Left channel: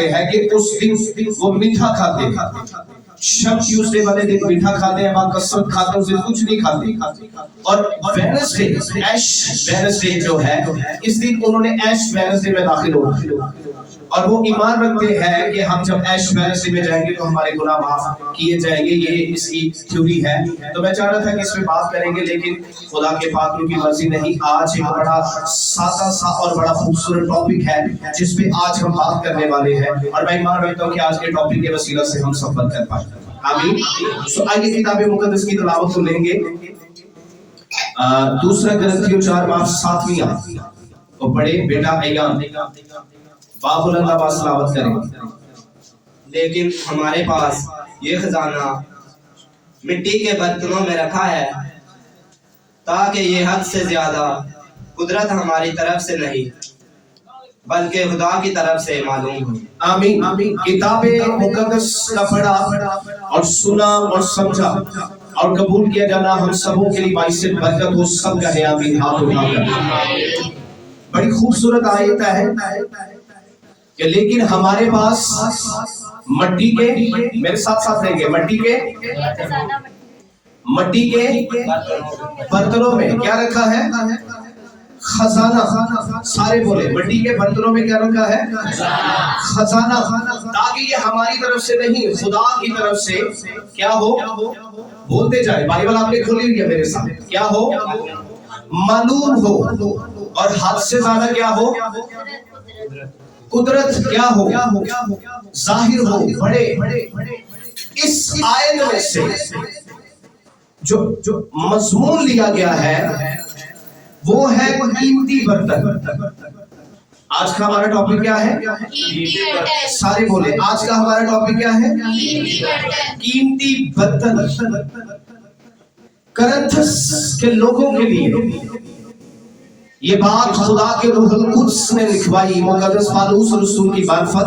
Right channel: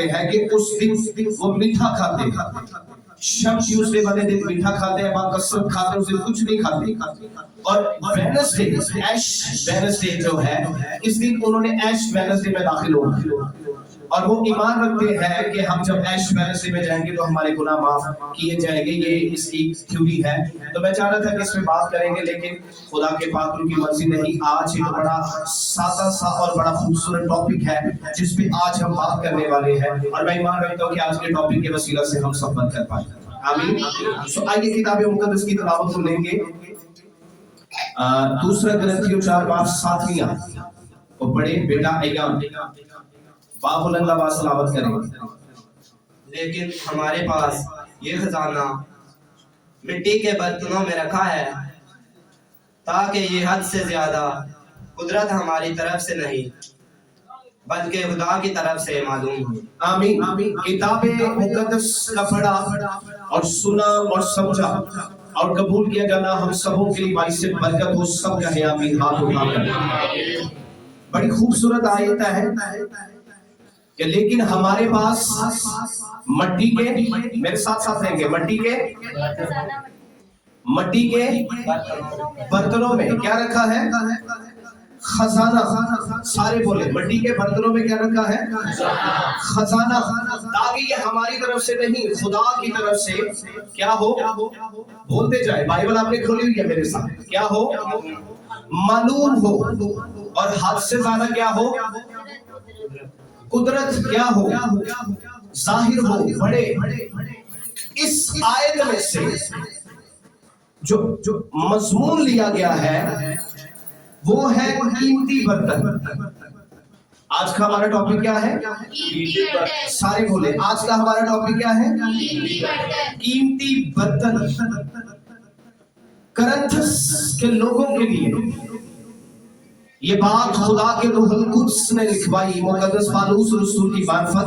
करते हैं कि उस दिन वो मीठा खाते हैं। शब ट्यूसडे वाले दिन मीठा खाते हैं, बाद कसरत खाते हैं, उस दिन कुछ नहीं खाते। और वेडनेसडे, ऐश वेडनेसडे जो है, इस दिन उन्होंने ऐश वेडनेसडे में दाखिल होना और वो ईमान रखते हैं कि हम जब ऐश वेडनेसडे में जाएंगे तो हमारे गुनाह माफ किए जाएंगे। ये इसकी थ्योरी है। तो मैं चाह रहा था कि इस पे बात करेंगे, लेकिन खुदा के पाक की मर्जी नहीं। आज एक बड़ा सादा सा और बड़ा खूबसूरत टॉपिक है जिस पे आज हम बात करने वाले हैं, और मैं ईमान रखता हूँ कि आज के टॉपिक के वसीला से हम सफल कर पाएंगे। आमीन। सो आइए किताब मुकद्दस की तिलावत को लेंगे। दूसरा कुरिन्थियों 4:7 आयत को पढ़े बेटा। अय्यान बाबुल आवाज तिलावत करें। लेकिन हमारे पास ये खजाना मिट्टी के बर्तनों में रखा है, ताकि ये हद से ज्यादा कुदरत हमारी तरफ से नहीं बल्कि खुदा की तरफ से मालूम हो। आमीन। किताबे मुकद्दस का पढ़ा और सुना और समझा और कबूल किया जाना हम सबों के लिए बाइस बरकत हो। सब कहे आमीन। हाथ उठाकर। बड़ी खूबसूरत आयत है कि लेकिन हमारे पास मट्टी के, मेरे साथ साथ लेंगे, मट्टी के बर्तनों में क्या रखा है? खजाना। सारे बोले, मट्टी के बर्तनों में क्या रखा है? खजाना। ताकि ये हमारी तरफ से नहीं, खुदा की तरफ से क्या हो? बोलते जाए। बाइबल आपने खोली है मेरे साथ। क्या हो? मालूम हो। और हद से ज्यादा क्या हो? कुदरत क्या हो? जाहिर हो। बड़े इस आयत में से जो मजमून लिया गया है वो है कीमती बर्तन। आज का हमारा टॉपिक क्या है? सारे बोले, आज का हमारा टॉपिक क्या है? कीमती बर्तन। कुरिन्थस के लोगों के लिए ये बात खुदा के रूहुल कुद्स ने लिखवाई, मुकद्दस पालूस रसूल की मार्फत,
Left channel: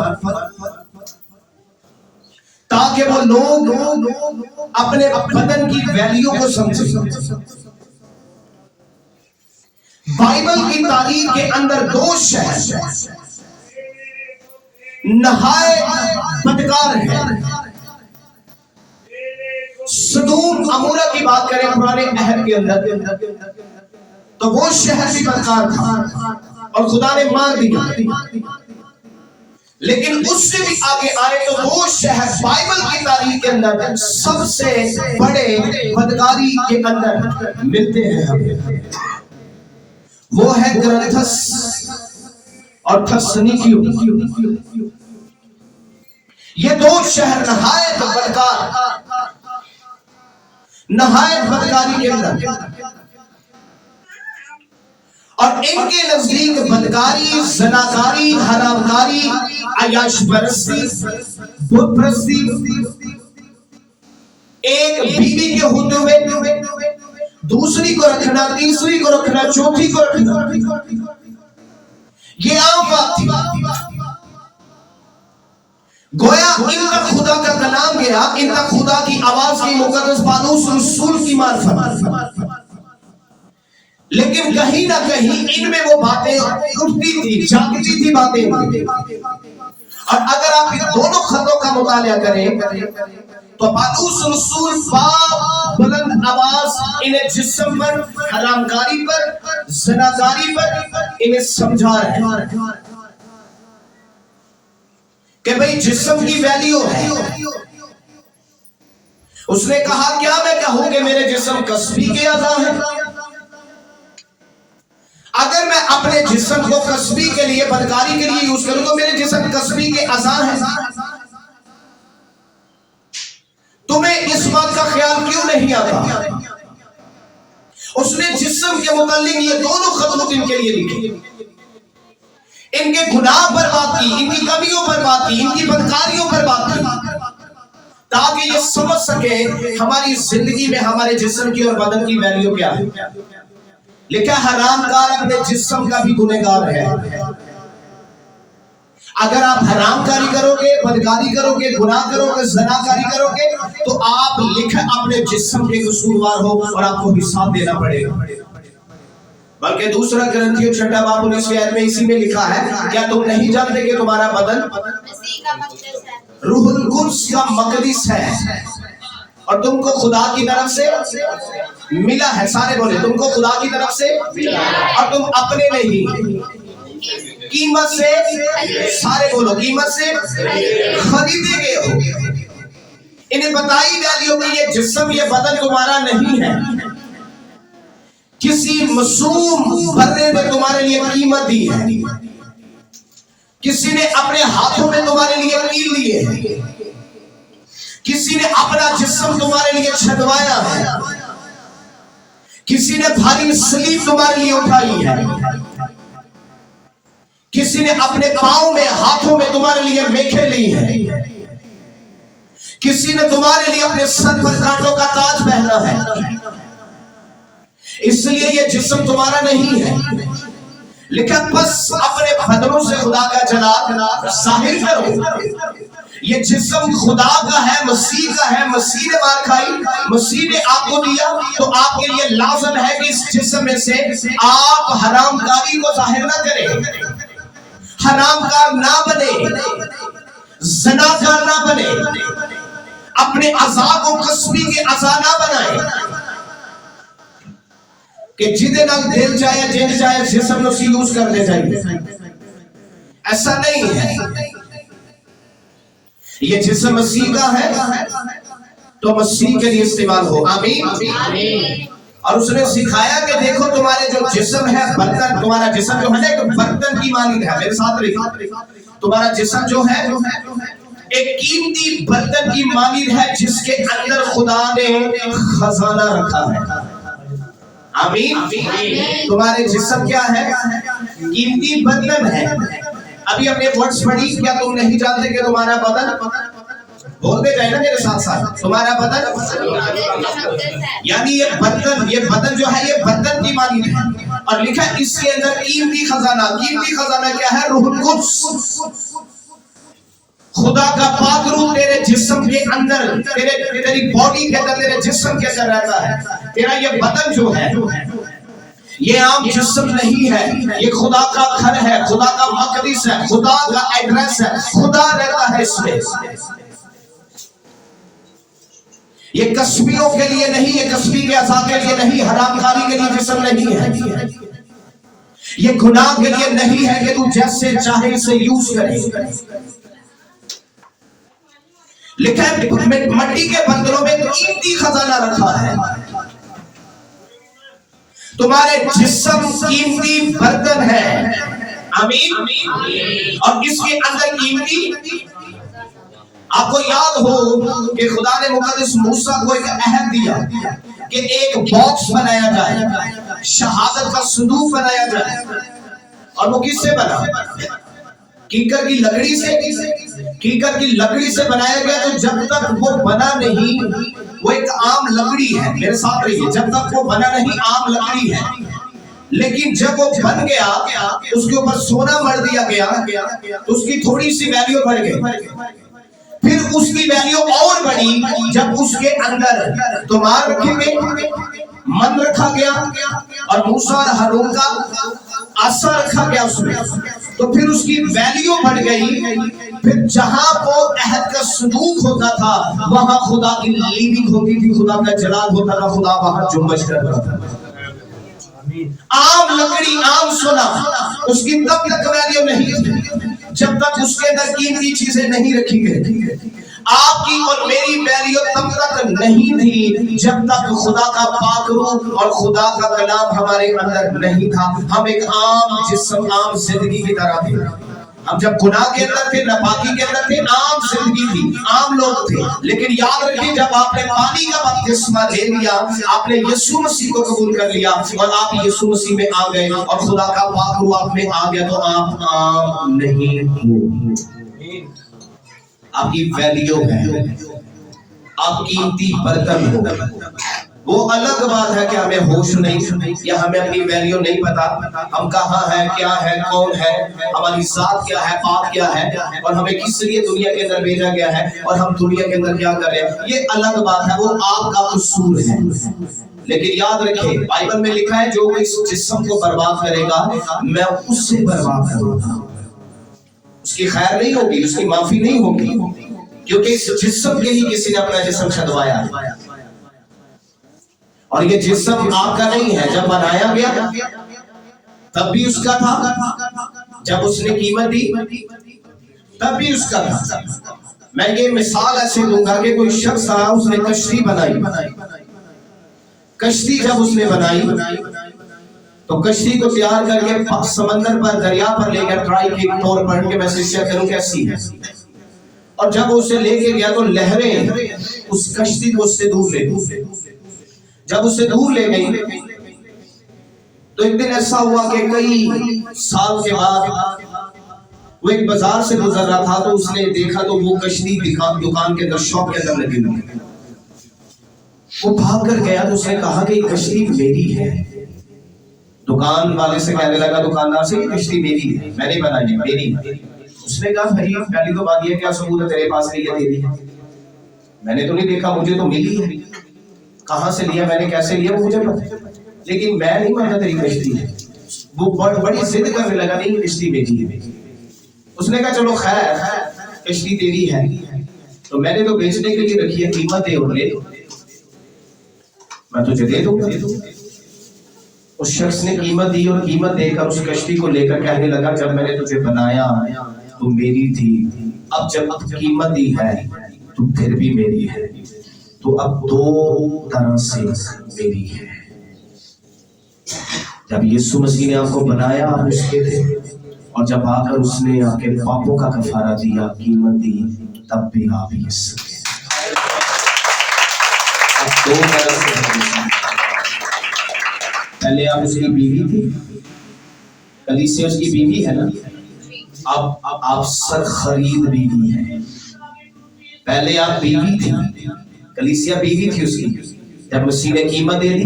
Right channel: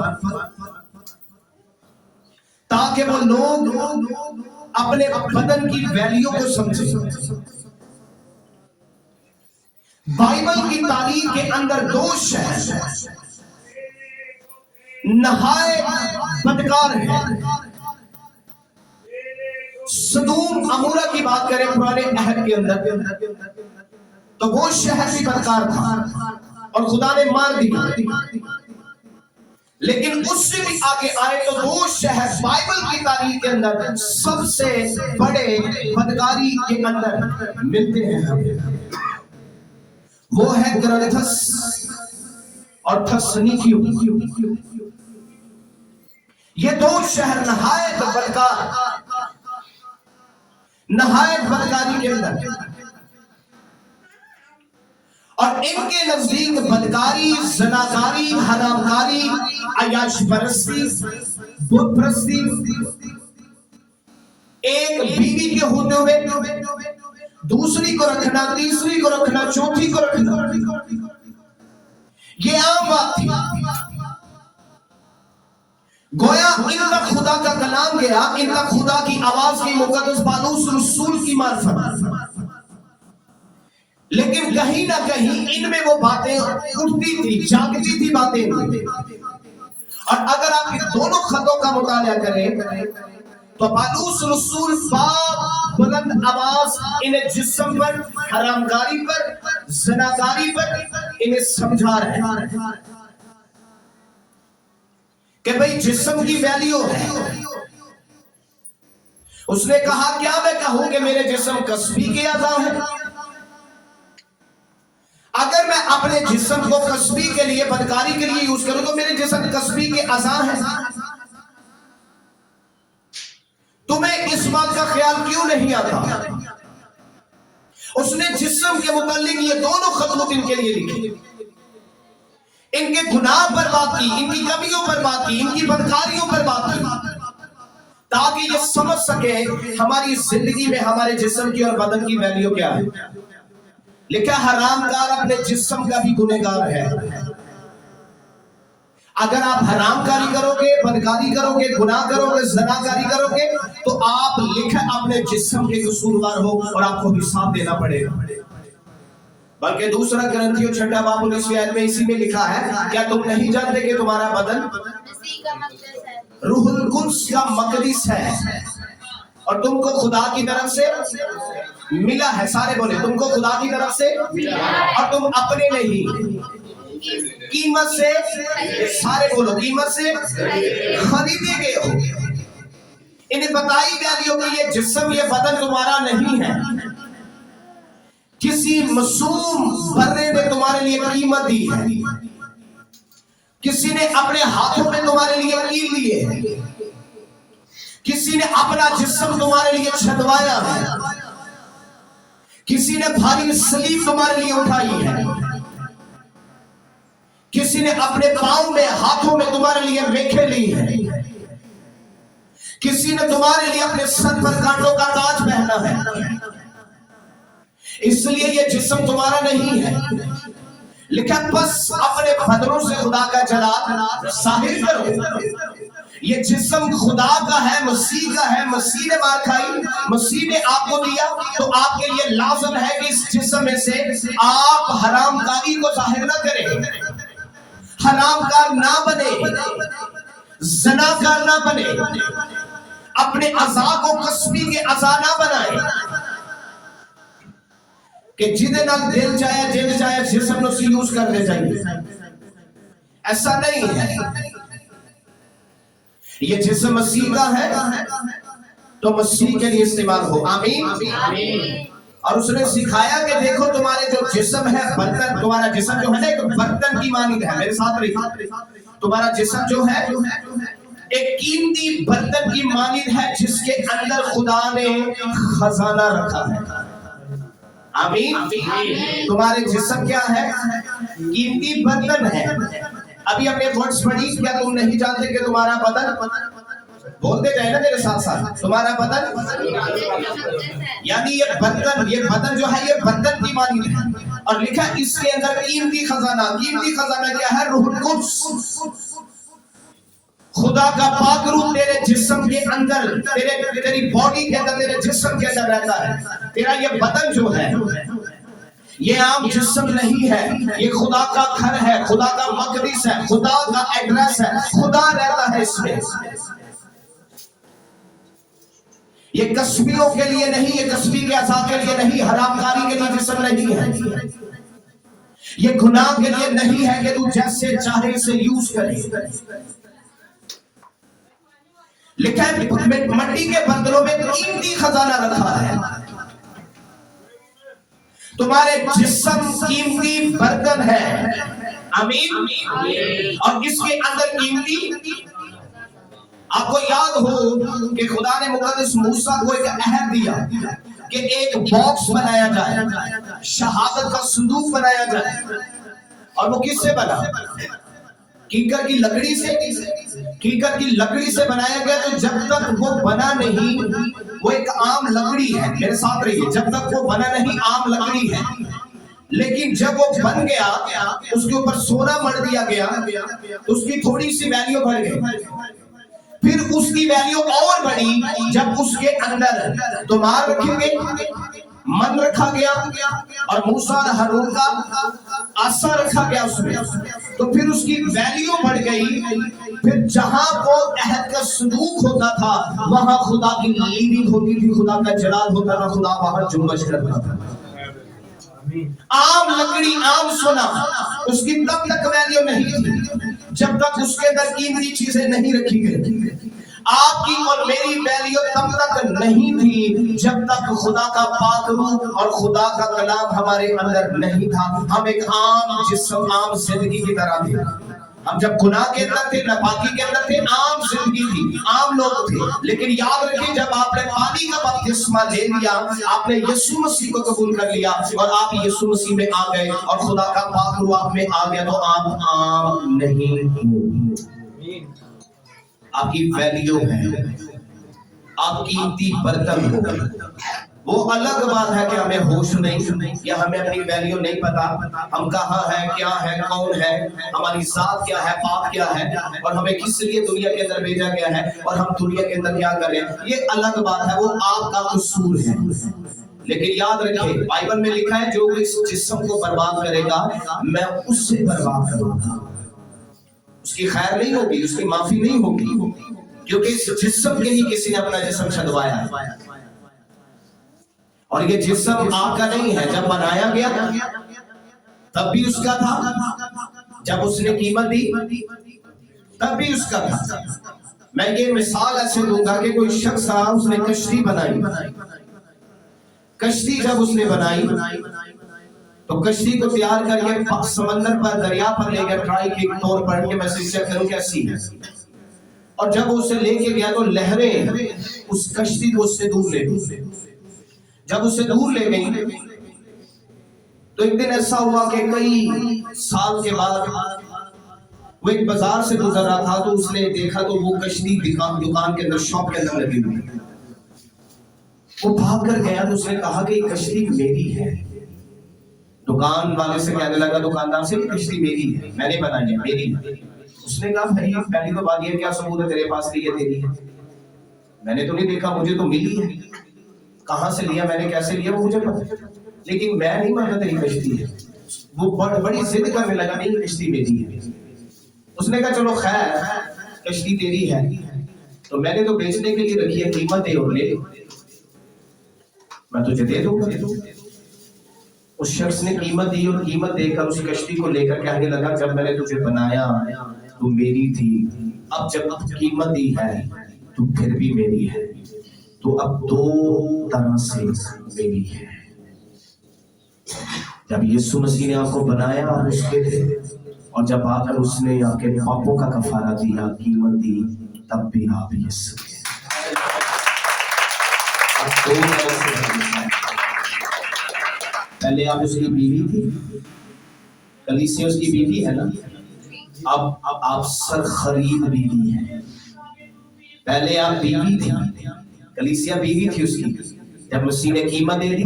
ताकि वो लोग अपने बदन की वैल्यू को समझे। बाइबल की तारीख के अंदर 2 शहर नहायत बदकार है। सदूम अमूरा की बात करें पुराने अहद के अंदर, तो वो शहर भी बदकार था और खुदा ने मार दिया। लेकिन उससे भी आगे आए तो वो शहर बाइबल की तारीख के अंदर सबसे बड़े बदकारी के अंदर मिलते हैं। वो है कुरिन्थस और थस्सलुनीकियों। ये 2 शहर नहायत बदकारी के अंदर, और इनके नजदीक बदकारी, ज़नाकारी, हरामकारी, अय्याश परस्ती, बुत परस्ती, एक बीवी के होते हुए दूसरी को रखना, तीसरी को रखना, चौथी को रखना, ये आम बात थी। गोया इनका खुदा का कलाम गया, इनका खुदा की आवाज की मुकद्दस पालूस रसूल की मार्फत, लेकिन कहीं ना कहीं इनमें वो बातें उठती थी, जागती थी बातें। और अगर आप इन दोनों खतों का मुतालिया करें तो पालूस रसूल बुलंद आवाज इन्हें जिस्म पर, हरामकारी पर, ज़नाकारी पर इन्हें समझा रहे हैं कि भाई जिस्म की वैल्यू है। उसने कहा क्या मैं कहूं कि मेरे जिस्म कस्बी के अज़ा है? अगर मैं अपने जिस्म को कस्बी के लिए, बदकारी के लिए यूज करूं तो मेरे जिस्म कस्बी के अज़ा है। तुम्हें इस बात का ख्याल क्यों नहीं आता? उसने जिस्म के मुतालिक ये दोनों खतूत इनके लिए लिखे, इनके गुनाह पर बात की, इनकी कमियों पर बात की, इनकी बदकारियों पर बात की, ताकि ये समझ सके हमारी जिंदगी में हमारे जिस्म की और बदन की वैल्यू क्या है। लिखा हरामकार अपने जिस्म का भी गुनहगार है। अगर आप हरामकारी करोगे, बदकारी करोगे, गुनाह करोगे, ज़नाकारी करोगे तो आप लिखा अपने जिस्म के कसूरवार हो और आपको हिसाब देना पड़ेगा। बल्कि दूसरा ग्रंथियों 6 बाब 19 आयत में इसी में लिखा है, क्या तुम नहीं जानते कि तुम्हारा बदन रूहुल कुद्स का मकदस है और तुमको खुदा की तरफ से मिला है। सारे बोले, तुमको खुदा की तरफ से और तुम अपने नहीं, कीमत से, सारे बोलो, कीमत से खरीदे गए हो। इन्हें बताई वैल्यू कि ये जिस्म, ये बदन तुम्हारा नहीं है, किसी मासूम बंदे ने तुम्हारे लिए कीमत दी है, किसी ने अपने हाथों में तुम्हारे लिए कील लिए है, किसी ने अपना जिस्म तुम्हारे लिए छदवाया है, किसी ने भारी सलीब तुम्हारे लिए उठाई है, किसी ने अपने पांव में, हाथों में तुम्हारे लिए मेखे ली है, किसी ने तुम्हारे लिए अपने सर पर कांटों का ताज पहना है। इसलिए ये जिस्म तुम्हारा नहीं है, लेकिन बस अपने बदनों से खुदा का जलाल जाहिर करो। ये जिस्म खुदा का है, मसीह का है, मसीह ने मार खाई, मसीह ने आपको दिया, तो आपके लिए लाज़िम है कि इस जिस्म में से आप हरामकारी को जाहिर ना करें, हरामकार ना बने, ज़नाकार ना बने, अपने अज़ा को कस्बी के अज़ा ना बनाए कि जिदे नाल दिल चाहे, जिन चाहे जिस्म नु यूज कर ले जाए। ऐसा नहीं है। ये जिस्म मसीह का है तो मसीह के लिए इस्तेमाल हो। आमीन। और उसने सिखाया कि देखो तुम्हारे जो जिस्म है, बर्तन, तुम्हारा जिस्म जो है ना, एक बर्तन की मानिंद है। मेरे साथ रहिए, तुम्हारा जिस्म जो है एक कीमती बर्तन की मानिंद है, जिसके अंदर खुदा ने खजाना रखा है। आमीन। तुम्हारे जिस्म क्या है? कीमती बर्तन है। अभी हमने वर्ड्स पढ़ी, क्या तुम नहीं जानते कि तुम्हारा बदन, बोलते जाए ना मेरे साथ साथ, तुम्हारा बदन, यानी ये बदन जो है, ये बर्तन की मानिंद है। और लिखा इसके अंदर कीमती खजाना। कीमती खजाना क्या है? रूहुल कुद्स, खुदा का पाक रूह तेरे जिस्म के अंदर, तेरी बॉडी के अंदर, तेरे जिस्म के अंदर रहता है। तेरा ये बदन जो है, ये आम जिस्म नहीं है, ये खुदा का घर है, खुदा का मकदस है, खुदा का एड्रेस है, खुदा रहता है इसमें। ये कस्बियों के लिए नहीं, ये कस्बी के अज़ा के लिए नहीं, हरामकारी के लिए जिस्म नहीं है, ये गुनाह के लिए नहीं है कि तू जैसे चाहे इसे यूज करे। लिखा है मट्टी के बर्तनों में कीमती खजाना रखा है। तुम्हारे जिस्म कीमती बर्तन है। आमीन। और इसके अंदर कीमती, आपको याद हो कि खुदा ने मुकद्दस मूसा को एक अहद दिया कि एक बॉक्स बनाया जाए, शहादत का संदूक बनाया जाए। और वो किससे बना? कीकर की लकड़ी से। कीकर की लकड़ी से बनाया गया। तो जब तक वो बना नहीं, वो एक आम लकड़ी है। मेरे साथ रहिए, जब तक वो बना नहीं, आम लकड़ी है। लेकिन जब वो बन गया, उसके ऊपर सोना मर दिया गया, तो उसकी थोड़ी सी वैल्यू बढ़ गई। फिर उसकी वैल्यू और बढ़ी जब उसके अंदर तोमार रखे गए, मन रखा गया, और मूसा और हारून का आसा रखा गया उसमें। तो फिर उसकी वैल्यू बढ़ गई। फिर जहां वो अहद का संदूक होता था, वहां खुदा की लीविंग होती थी, खुदा का जलाल होता था, खुदा वहां जुम्बश करता था। आम लकड़ी, आम सोना, उसकी तब तक वैल्यू नहीं थी जब तक उसके अंदर कीमती चीजें नहीं रखी गई। आपकी और मेरी वैल्यू तब तक नहीं थी जब तक खुदा का पाक रूह और खुदा का कलाम हमारे अंदर नहीं था। हम एक आम जिस्म, आम जिंदगी की तरह थे। हम जब गुनाह के अंदर थे, नापाकी के अंदर थे, आम जिंदगी थी, आम लोग थे। लेकिन याद रखिए, जब आपने पानी का बपतिस्मा ले लिया, आपने यीशु मसीह को कबूल कर लिया और आप यीशु मसीह में आ गए और खुदा का पाक रूह आप में आ गया, तो आप आम नहीं हो। आपकी वैल्यू है, आप कीमती बर्तन हो। वो अलग बात है कि हमें होश नहीं, या हमें अपनी वैल्यू नहीं पता, हम कहाँ है, क्या है, कौन है, हमारी जात क्या है, पाप क्या है, और हमें किस लिए दुनिया के अंदर भेजा गया है, और हम दुनिया के अंदर क्या कर रहे हैं, ये अलग बात है। वो आपका कसूर है। लेकिन याद रखें, बाइबल में लिखा है जो इस जिस्म को बर्बाद करेगा मैं उससे बर्बाद करूंगा। उसकी खैर नहीं होगी, उसकी माफी नहीं होगी, क्योंकि इस जिस्म के ही किसी ने अपना जिस्म छदवाया है। और ये जिस्म आपका नहीं है। जब बनाया गया तब भी उसका था, जब उसने कीमत दी तब भी उसका था। मैं ये मिसाल ऐसे दूंगा कि कोई शख्स था, उसने कश्ती बनाई। कश्ती जब उसने बनाई तो कश्ती को तैयार करके समंदर पर, दरिया पर लेकर ट्राई के तौर पर कि मैं शिक्षा करूं कैसी है। और जब वो उसे लेके गया तो लहरें उस कश्ती को उससे दूर ले गई। जब उससे दूर ले गई तो एक दिन ऐसा हुआ कि कई साल के बाद वो एक बाजार से गुजर रहा था, तो उसने देखा तो वो कश्ती दुकान के अंदर, शॉप के अंदर लगी हुई। वो भाग कर गया तो उसने कहा कि ये कश्ती मेरी है। दुकान वाले से कहने लगा, दुकानदार से, ये कश्ती मेरी है, मैंने बनाई, मेरी है। उसने कहा भाई पहली तो बात ये, क्या सबूत है तेरे पास कि ये तेरी है? मैंने तो नहीं देखा, मुझे तो मिली है। कहां से लिया, मैंने कैसे लिया, वो मुझे पता, लेकिन मैं नहीं मानता तेरी कश्ती है। वो बड़ी जिद करने लगा, नहीं कश्ती मेरी है। उसने कहा चलो खैर, कश्ती तेरी है तो मैंने तो बेचने के लिए रखी है, कीमत दे और ले, मैं तुझे दे दूंगा। उस शख्स ने कीमत दी और कीमत देकर उस कश्ती को लेकर कहने लगा, जब मैंने तुझे बनाया तो मेरी थी, अब जब कीमत दी है तो फिर भी मेरी है, तो अब दो तरह से मेरी है। जब यीशु मसीह ने आपको बनाया आप उसके थे, और जब आकर उसने आपके पापों का कफारा दिया, कीमत दी, तब भी आप यीशु के। दो तरह से, पहले आप उसकी बीवी थी, कलीसिया उसकी बीवी है ना, अब आप सर खरीद बीवी है। पहले आप बीवी थी, कलीसिया बीवी थी उसकी, जब मसीह ने कीमत दे दी,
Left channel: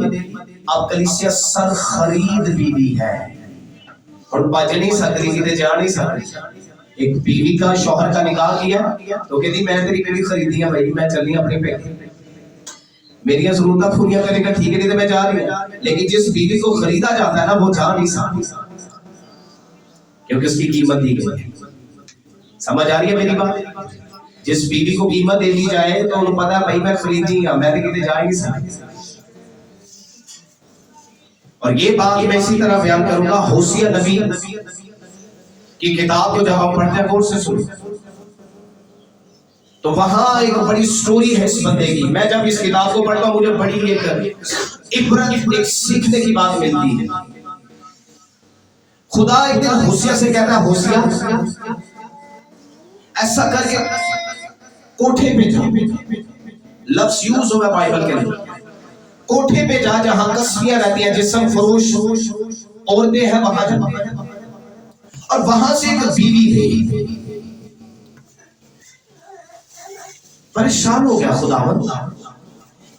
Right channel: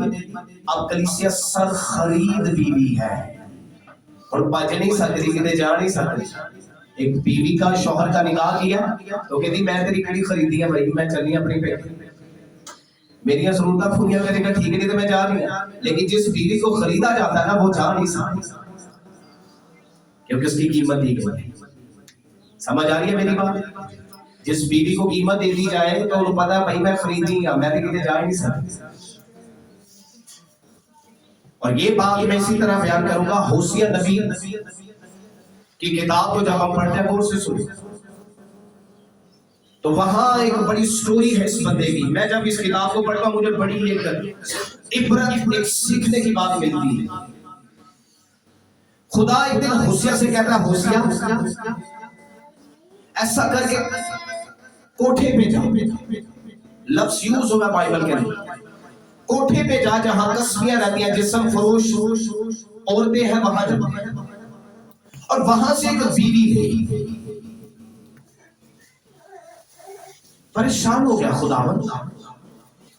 अब कलीसिया सर खरीद बीवी है। और बच नहीं सकती, कितने जा नहीं सकती। एक बीवी का शौहर का निकाह किया तो कहती मैं तेरी बीवी खरीदी है भाई, मैं चलनी अपने पे, मेरी जरूरत पूरी करेगा, ठीक है, नहीं तो मैं जा रही हूँ। लेकिन जिस बीवी को खरीदा जाता है ना, वो जा नहीं सकती, क्योंकि उसकी कीमत दी गई। समझ आ रही है मेरी बात? जिस बीवी को कीमत दे दी जाए तो उन्हें पता है भाई मैं खरीदी, मैं तो कितने जा ही नहीं सकती। और ये बात मैं इसी तरह बयान करूंगा, होसिया नबी की किताब को जब हम पढ़ते हैं गौर से सुन, तो वहां एक बड़ी स्टोरी है इस बंदे की। मैं जब इस किताब को पढ़ता हूं मुझे बड़ी इबरत, एक सीखने की बात मिलती है। खुदा एक दिन होसिया से कहता है, होसिया ऐसा करके कोठे पे जा, लफ्ज यूज होगा बाइबल के अंदर, कोठे पे जा जहां कस्बियां रहती हैं, जिस्म फरोश औरतें हैं, वहां जा, और वहां से एक बीवी ले। परेशान हो गया खुदावंद,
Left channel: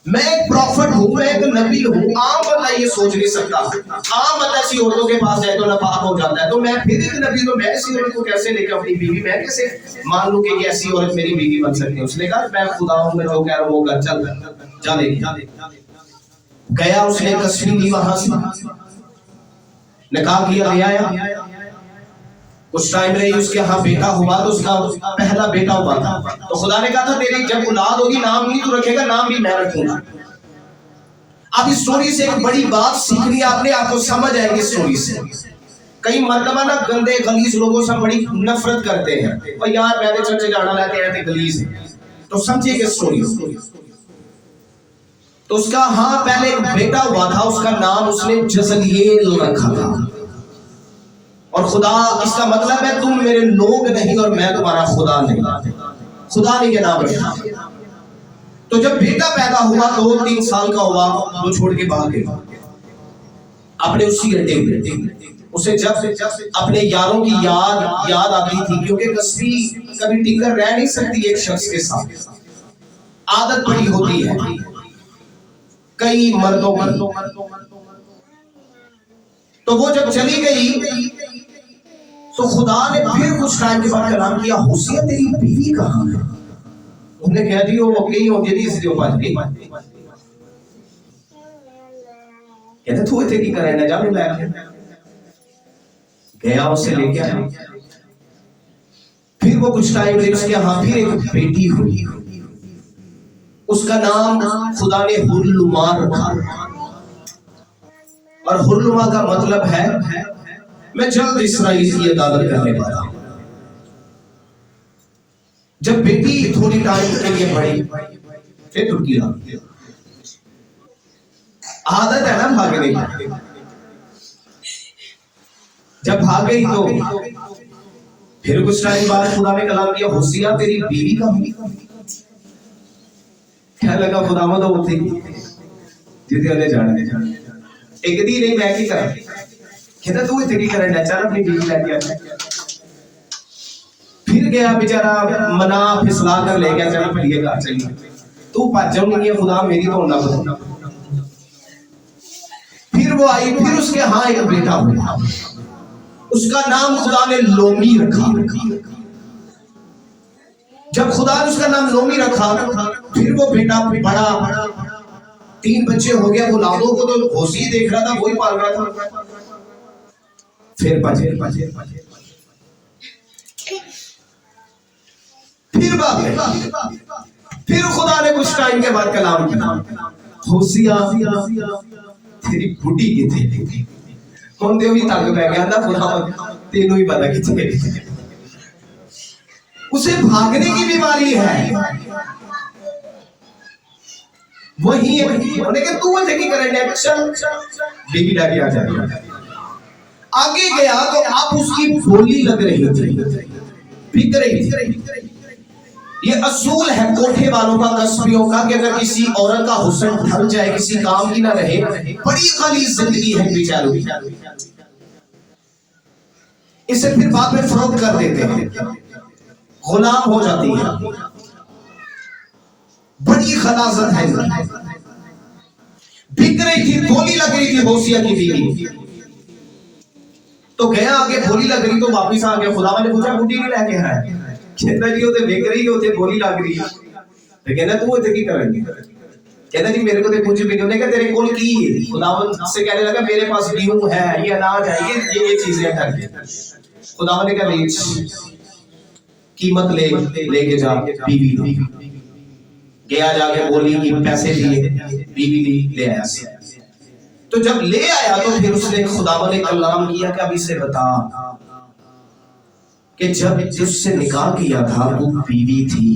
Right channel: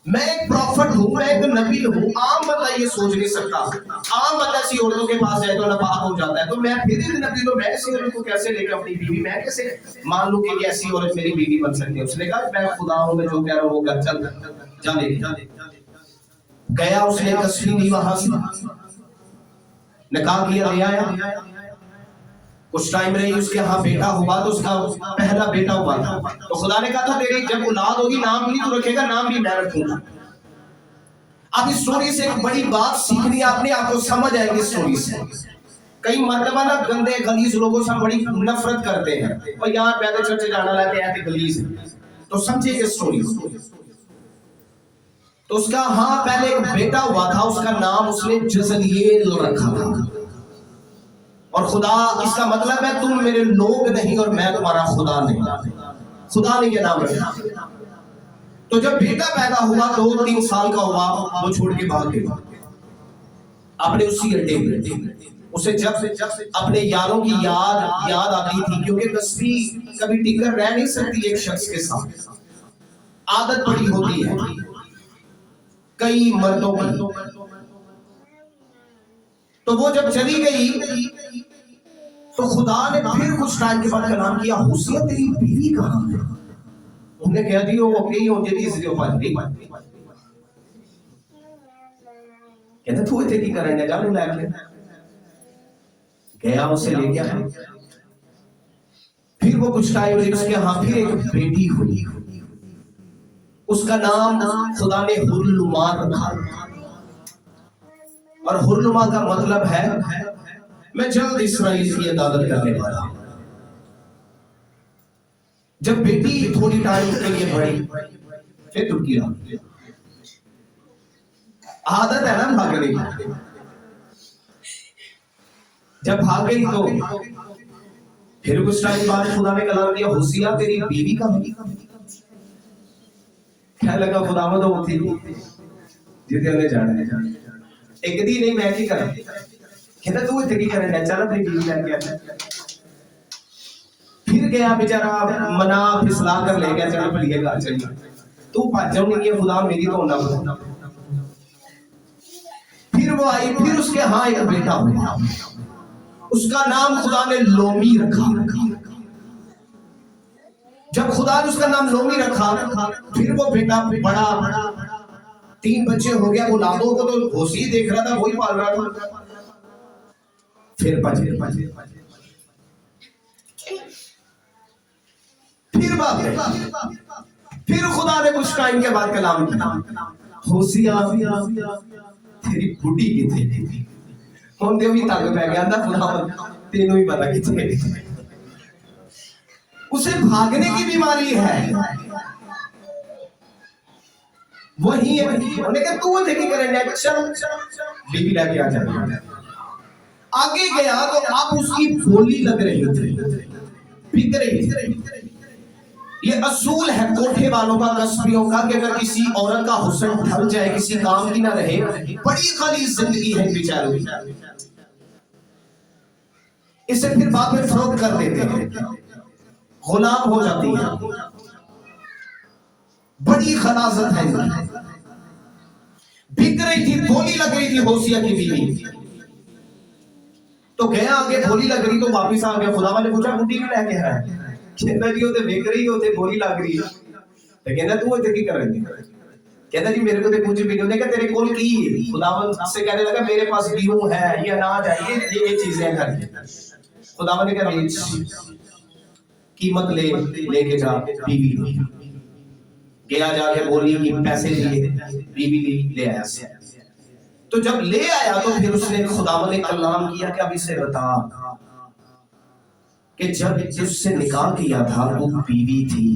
मैं एक प्रॉफिट हूं, मैं एक नबी हूं, आम बंदा ये सोच नहीं सकता। आम बंदा ऐसी औरतों के पास जाए तो नापाक हो जाता है, तो मैं फिर एक नबी हूं, मैं ऐसी औरत को कैसे लेकर अपनी बीवी, मैं कैसे मान लूं कि ऐसी औरत मेरी बीवी बन सकती है? उसने कहा मैं खुदा हूं, मैं जो कह रहा हूं वो कर, चल जा लेके गया। उसने कस्बी ली, वहां से निकाह किया, ले आया। कुछ टाइम रही, उसके यहाँ बेटा हुआ, तो उसका पहला बेटा हुआ था। तो खुदा ने कहा था तेरी जब औलाद होगी नाम नहीं तू रखेगा, नाम भी मैं रखूंगा। अब इस स्टोरी से एक बड़ी बात सीखनी आपने, आपको समझ आएगी स्टोरी से। कई मरतबा ना गंदे गलीज लोगों से बड़ी नफरत करते हैं, और यार मैंने चर्चे जाना लाते हैं गलीज, तो समझिए कि स्टोरी। तो उसका हाँ पहले एक बेटा हुआ था, उसका नाम उसने जज़लिएल रखा था। और खुदा, इसका मतलब है तुम मेरे लोग नहीं और मैं तुम्हारा खुदा नहीं, खुदा ने ये नाम रखा। तो जब बेटा पैदा हुआ 2-3 साल का हुआ, वो छोड़ के भाग गया अपने उसी अड्डे पे। उसे जब अपने यारों की याद आती थी, क्योंकि कस्बी कभी टिकर रह नहीं सकती एक शख्स के साथ, आदत बड़ी होती है कई मर्दों की। तो वो जब चली गई तो खुदा ने फिर कुछ टाइम के बाद कलाम किया, होसिया तेरी बीवी कहाँ है? उन्होंने कह दी वो गई हो, जल्दी से जो बात गई। कहते तू इतने की करने जाने लैके गया, उसे ले गया। फिर वो कुछ टाइम ले उसके यहाँ फिर एक बेटी हुई, उसका नाम खुदा ने हुर्लुमा रखा। और हुर्लुमा का मतलब है मैं जल्द इसराइल की इबादत करने वाला हूं। जब बेटी थोड़ी टाइम के लिए बढ़ी फिर टूट गया। आदत है ना भागने की, जब भाग गई तो फिर कुछ टाइम बाद खुदा ने कलाम किया, होशिया तेरी बीवी का होगी। क्या लगा खुदा में तो वो थी जितने जाने एक दी नहीं मैं क्या करा, कहता तू इतनी करना चल अपनी बीवी लेके आ। फिर गया बेचारा, मना फिसला कर ले गया, चल भलिए घर चलिए, तू भाजो नहीं है खुदा मेरी तो ना बता। फिर वो आई, फिर उसके हाँ एक बेटा हुआ, उसका नाम खुदा ने लोमी रखा। जब खुदा ने उसका नाम लोमी रखा फिर वो बेटा बड़ा 3 बच्चे हो गए। वो लादों को तो होशी देख रहा था, वही पाल रहा था। फिर बचे फिर खुदा ने कुछ टाइम के बाद कलाम किया, होशिया तेरी बुढ़ी कितनी ਹੁਣ ਤੇ ਉਹੀ ਤੱਕ ਪੈ ਗਿਆ ना खुदा तेनों ही पता कितने। उसे भागने की बीमारी है, वही उन्हें कहा तू मुझे की करेंगे, चल बीवी लाके आ जाए। आगे गया तो अब उसकी बोली लग रही थी, बिक रही थी। ये असूल है कोठे वालों का, कस्बियों का, कि अगर किसी औरत का हुस्न ढल जाए, किसी काम की ना रहे, बड़ी खाली जिंदगी है बेचारों की। इसे फिर बाद में फरोख्त कर देते हैं, गुलाम हो जाती है। बड़ी खलासत है, बिक रही थी, बोली लग रही थी होशिया की बीवी। तो गया आगे, बोली लग रही तो वापिस आ गया। खुदा ने पूछा बुढ़ी ने लेके आया, कहता जी होते बिक रही होते बोली लग रही, तो कहना तू इतने की करेंगे, कहता जी मेरे को तो कुछ भी नहीं। कहता तेरे कोल की है? खुदावन से कहने लगा मेरे पास गेहूं है, ये अनाज है, ये चीजें करके। खुदावन ने कहा बेच, कीमत लेके जा, बीवी ली। गया जाके बोली कि पैसे दिए, बीवी ले आया। तो जब ले आया तो फिर उसने खुदावन ने कलाम किया कि अब इसे बता कि जब जिससे निकाह किया था वो बीवी थी,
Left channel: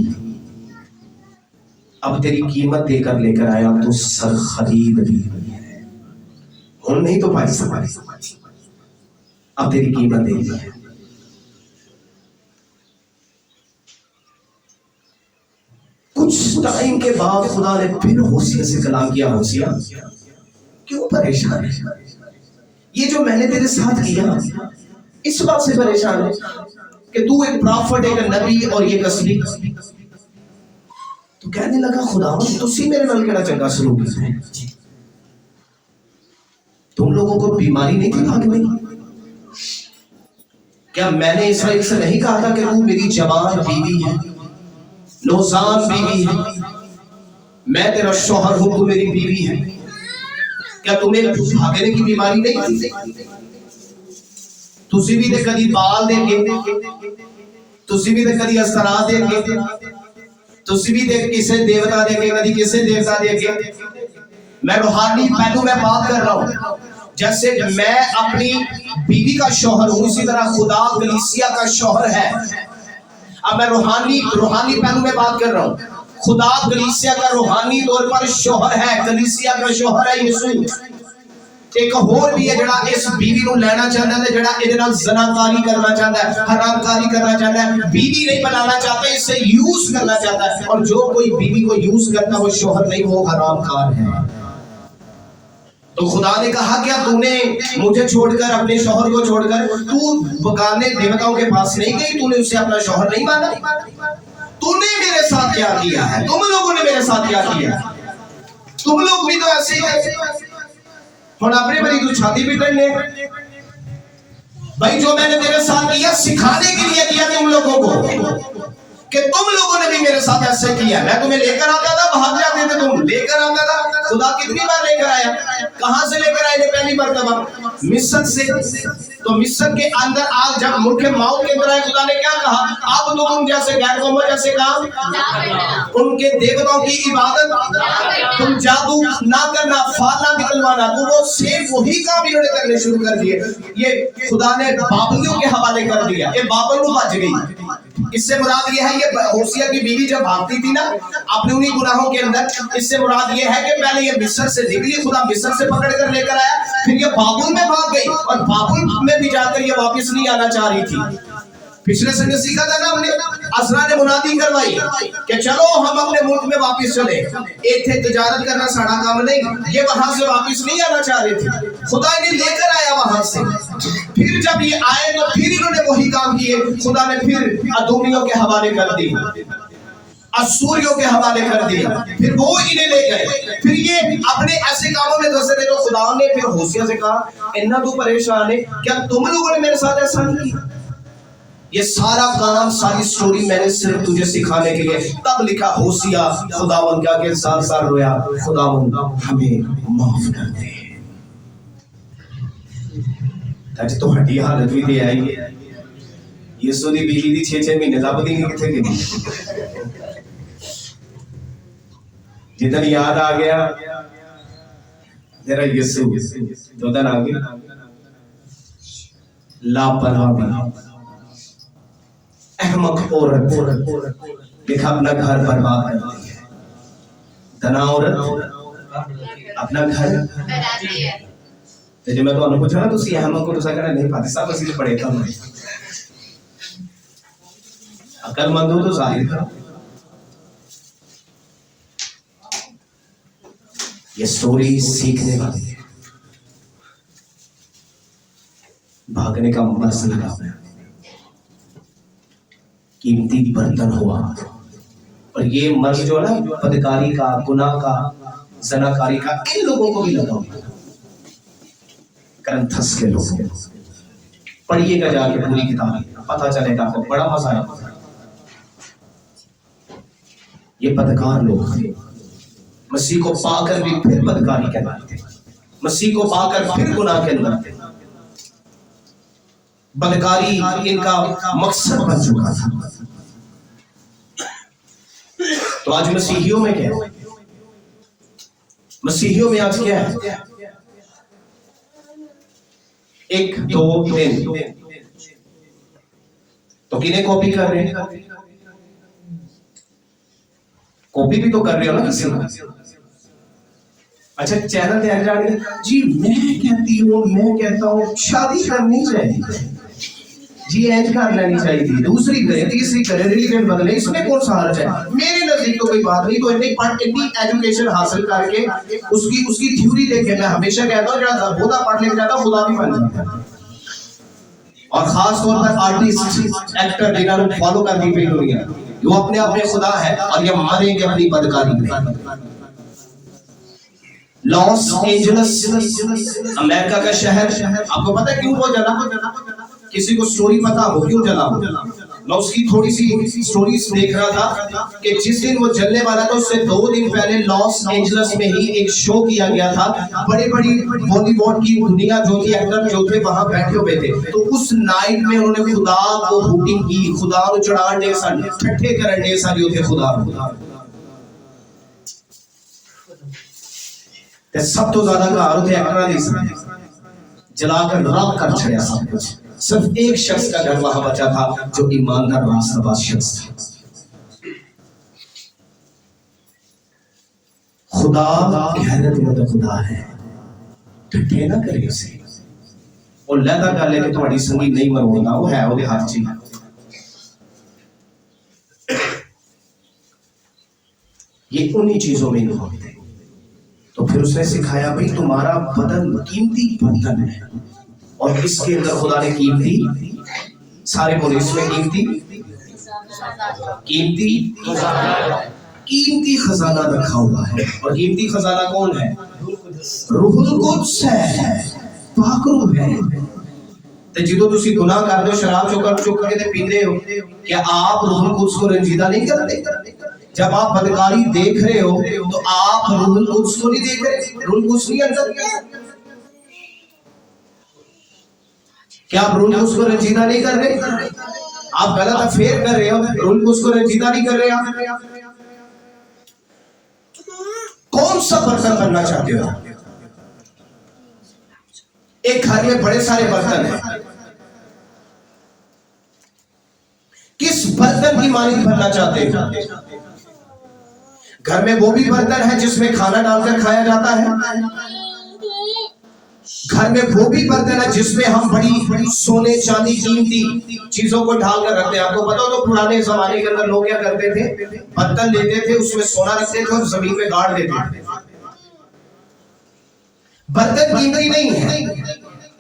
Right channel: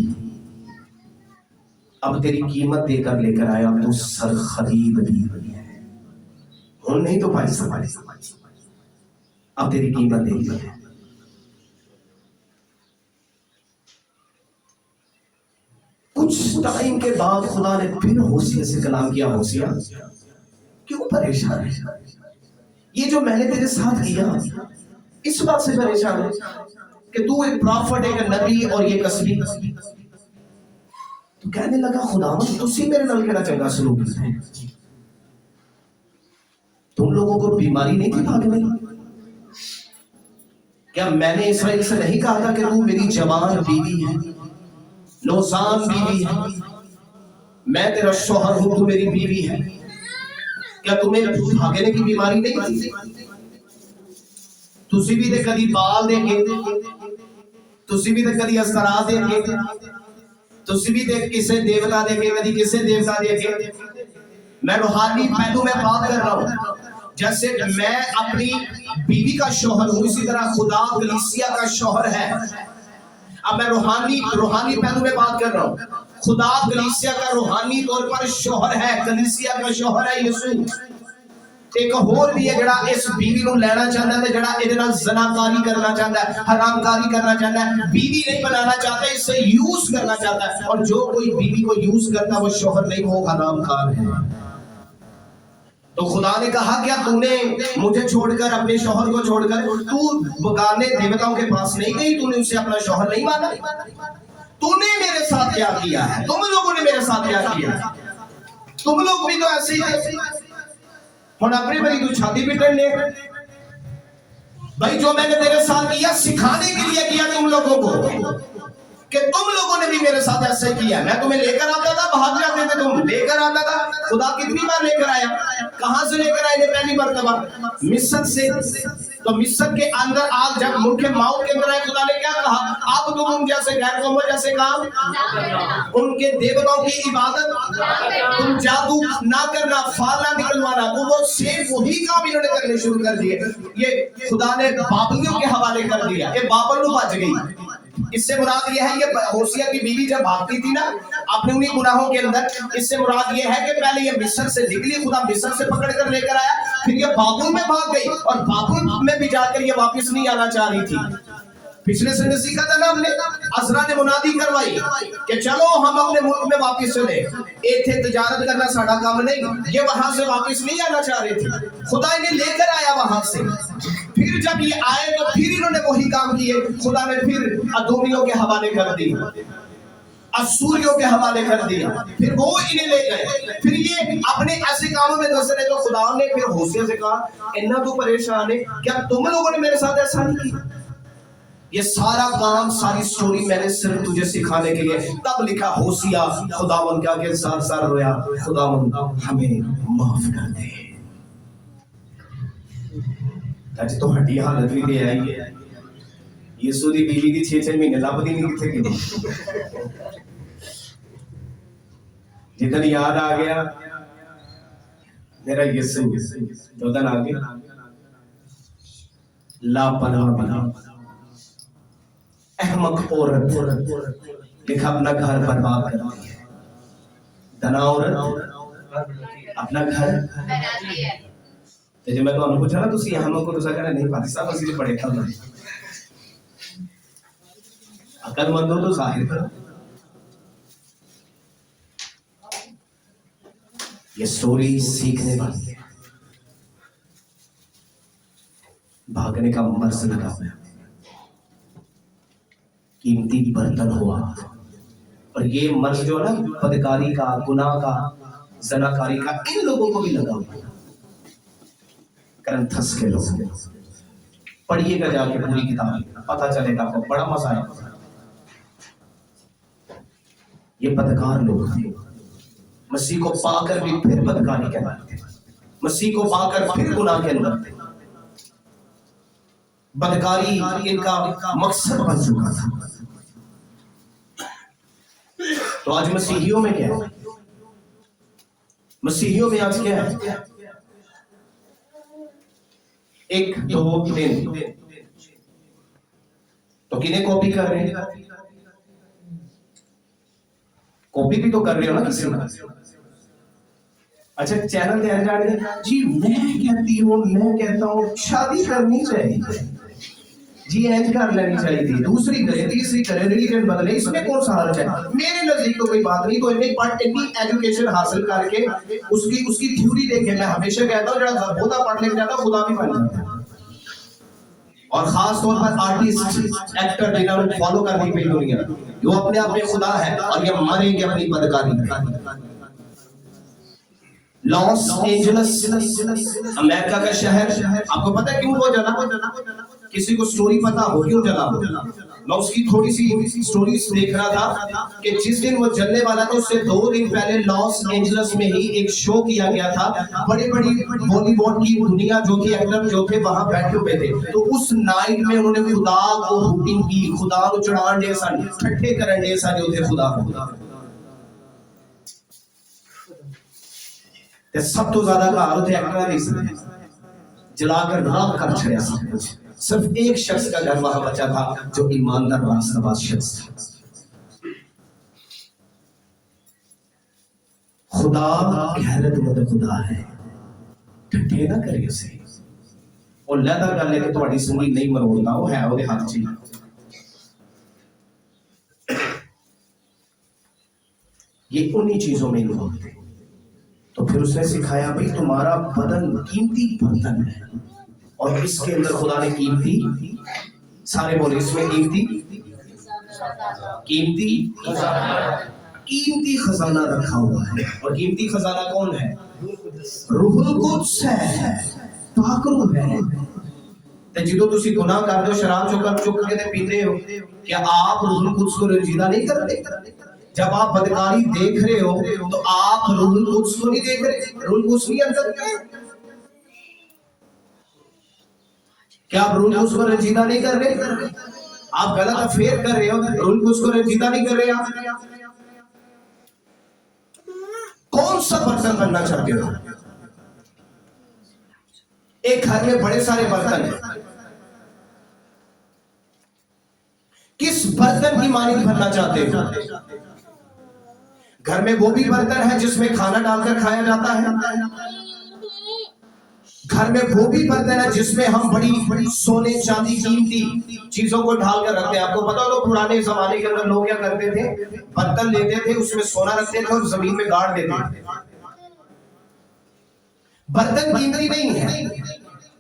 अब तेरी कीमत देकर लेकर आया तो सर खरीद ली है, हम नहीं तो भाई सवारी, अब तेरी कीमत दे दी है। कुछ टाइम के बाद खुदा ने फिर होशिया से कलाम किया, होशिया क्यों परेशान है? ये जो मैंने तेरे साथ किया इस बात से परेशान है कि तू एक प्रॉफिट, एक नबी और ये कसबी। तो कहने लगा खुदावन तुसी मेरे नाल केड़ा चंगा सलूक है, तुम लोगों को बीमारी नहीं थी भाग में? क्या मैंने इसराइल से नहीं कहा था कि तू मेरी जवान बीवी है, नौसान बीवी है, मैं तेरा शौहर हूं, तू मेरी बीवी है? क्या तुम्हें भागने की बीमारी नहीं थी? तुसी भी ते कदी बाल देंगे, तुसी भी ते कदी असरा देंगे, तुसी भी ते किसे देवता देंगे, कदी किसे देवता देंगे। मैं रूहानी पहलू में बात कर रहा हूं, जैसे मैं अपनी बीवी का शौहर हूं इसी तरह खुदा कलीसिया का शौहर है। अब मैं रूहानी पहलू में बात कर रहा हूं। खुदा कलीसिया का रूहानी तौर पर शौहर है, कलीसिया का शौहर है यीशु। एक होर भी है जड़ा इस बीवी को लेना चाहता है, जड़ा इहदे नाल ज़नाकारी करना चाहता है, हरामकारी करना चाहता है, बीवी नहीं बनाना चाहता, इससे यूज करना चाहता है। और जो कोई बीवी को यूज करता वो शौहर नहीं, वो हरामकार है। तो खुदा ने कहा क्या तूने मुझे छोड़कर, अपने शौहर को छोड़कर तू बगाने देवताओं के पास नहीं गई? तूने उसे अपना शौहर नहीं माना? तूने मेरे साथ क्या किया है? तुम लोगों ने मेरे साथ क्या किया? तुम लोग भी तो ऐसे ही और अपने बड़ी तू छाती पीटने ले भाई। जो मैंने तेरे साथ किया सिखाने के लिए किया तुम लोगों को, कि तुम लोगों ने भी मेरे साथ ऐसे किया, मैं तुम्हें लेकर आता था, भाग जाते थे तुम, लेकर आता था। खुदा कितनी बार लेकर आया, कहां से लेकर आए थे? पहली मर्तबा मिस्र से। तो मिस्र के अंदर आग जब मुल्क मौत के अंदर आए, खुदा ने क्या कहा? अब तुम उन जैसे गैर कौम जैसे काम, उनके देवताओं की इबादत, तुम जादू ना करना, फाल ना निकलवाना, तो वो सेम वही काम इन्होंने करने शुरू कर दिए। ये खुदा ने बाबलियों के हवाले कर दिया, ये बाबल बच गई। इससे मुराद ये है, ये होशिया की बीवी जब भागती थी ना अपने उन्हीं गुनाहों के अंदर, इससे मुराद ये है कि पहले ये मिस्र से निकली, खुदा मिस्र से पकड़ कर लेकर आया, फिर ये बाबुल में भाग गई और बाबुल में भी जाकर ये वापस नहीं आना चाह रही थी। पिछले संडे सीखा था ना हमने, अज़रा ने मुनादी करवाई कि चलो हम अपने मुल्क में वापस चले, इत्थे तिजारत करना साड़ा काम नहीं। ये वहां से वापस नहीं आना चाह रहे थे, खुदा ने लेकर आया वहां से। फिर जब ये आए तो फिर इन्होंने वही काम किए, खुदा ने फिर अदोमियों के हवाले कर दी, असूरियों के हवाले कर दिया, फिर वो इन्हें ले गए। फिर ये अपने ऐसे कामों में धंसे रहे, तो खुदा ने फिर होशिया से कहा, इन्ना तू परेशान है, क्या तुम लोगों ने मेरे साथ ऐसा नहीं किया? ये सारा काम, सारी स्टोरी मैंने सिर्फ तुझे सिखाने के लिए तब लिखा। होशिया खुदावंद के आगे सार सार रोया, खुदावंद हमें माफ कर दे। आज तो हड्डी हालत भी दे आई है, यीशु दी बीवी दी 6-6 महीने लभदी नहीं किथे गई। जिधर याद आ गया मेरा यीशु, तो उधर आ गया लापरवाही, अहमक औरत, लिखा अपना घर बर्बाद कर दिया। तना औरत अपना घर तेरे, मैं तो पूछा ना तुसी अहमक को तुसा कहना नहीं पाते, सब असली पढ़े था। अकलमंद हो तो जाहिर करो। ये स्टोरी सीखने वाली है, भागने का मर्ज लगा हुआ है। कीमती बर्तन हुआ, और ये मर्ज जो है ना बदकारी का, गुनाह का, जनाकारी का, इन लोगों को भी लगा हुआ। करंथस के लोग, पढ़िएगा जाके पूरी किताब, पता चलेगा आपको, बड़ा मजा आएगा। ये बदकार लोग थे, मसीह को पाकर भी फिर बदकारी के अंदर थे, मसीह को पाकर फिर गुनाह के अंदर थे। बदकारी इनका मकसद बन चुका था। तो आज मसीहियों में क्या है? मसीहियों में आज क्या है? एक दो दिन तो किन्हें कॉपी कर रहे हैं? कॉपी भी तो कर रहे हो ना किसी का। अच्छा चैनल तैयार जा रही है जी, मैं कहती हूँ, मैं कहता हूँ शादी करनी चाहिए जी, एज कर लेनी चाहिए थी, दूसरी करे, तीसरी करे, रिलीजन बदले, इसमें कौन सा हर्ज है? मेरे नजदीक तो कोई बात नहीं। तो इतनी एजुकेशन हासिल करके उसकी थ्योरी देखे, मैं हमेशा कहता हूँ जरा बोधा पढ़ लेके जाता खुदा भी बन जाता है। और खास तौर पर आर्टिस्ट, एक्टर जिन्होंने फॉलो कर दी गई दुनिया, वो अपने आप में खुदा है और ये मरेंगे अपनी बदकारी में। लॉस एंजलिस अमेरिका का शहर, आपको पता है क्यों वो जला? किसी को स्टोरी पता हो क्यों जला? मैं उसकी थोड़ी सी स्टोरीज देख रहा था कि जिस दिन वो जलने वाला था उससे 2 दिन पहले लॉस एंजलिस में ही एक शो किया गया था। बड़े बड़ी बॉलीवुड की दुनिया जो थी, एक्टर जो थे वहां बैठे हुए थे। तो उस नाइट में उन्होंने खुदा को हुटिंग की, खुदा को चढ़ाने सन, ठट्ठे करने सारे थे खुदा। सब तो ज्यादा कार होते एक्टर जलाकर राख कर छड़िया सब कुछ। सिर्फ एक शख्स का घर वहां बचा था जो ईमानदार रास्तबाज शख्स था। खुदा गैरतमंद खुदा है, ठट्ठे ना करे उसे, वो लहदा कर लेके तुम्हारी संगी नहीं मरोड़ना, वो है ਉਹਦੇ हाथ च। ये उन्हीं चीजों में इन्वॉल्व थे। तो फिर उसने सिखाया भाई तुम्हारा बदन कीमती बर्तन है, और इसके अंदर खुदा ने कीमती, सारे बोले इसमें कीमती खजाना रखा हुआ है। और कीमती खजाना कौन है? रूहुल कुद्स है, पाक रूह है। ते जिदों तुसी गुनाह करदे हो, शराब चुक के ते पींदे हो, क्या आप रूहुल कुद्स को रंजीदा नहीं करते? जब आप बदकारी देख रहे हो तो आप रूहुल कुद्स को नहीं देख रहे, रूहुल कुद्स नहीं अंदर। क्या आप रूहुल कुद्स को रंजीदा नहीं कर रहे? आप गलत अफेयर कर रहे हो, रूहुल कुद्स को रंजीदा नहीं कर रहे आप। कौन सा बर्तन बनना चाहते हो? एक घर में बड़े सारे बर्तन हैं, किस बर्तन की मालिक बनना चाहते हो? घर में वो भी बर्तन है जिसमें खाना डालकर खाया जाता है, घर में वो भी बर्तन है जिसमें हम बड़ी सोने चांदी कीमती चीजों को ढाल कर रखते हैं। आपको पता हो तो पुराने जमाने के अंदर लोग क्या करते थे, बर्तन लेते थे, उसमें सोना रखते थे और जमीन में गाड़ देते थे। बर्तन कीमती नहीं है,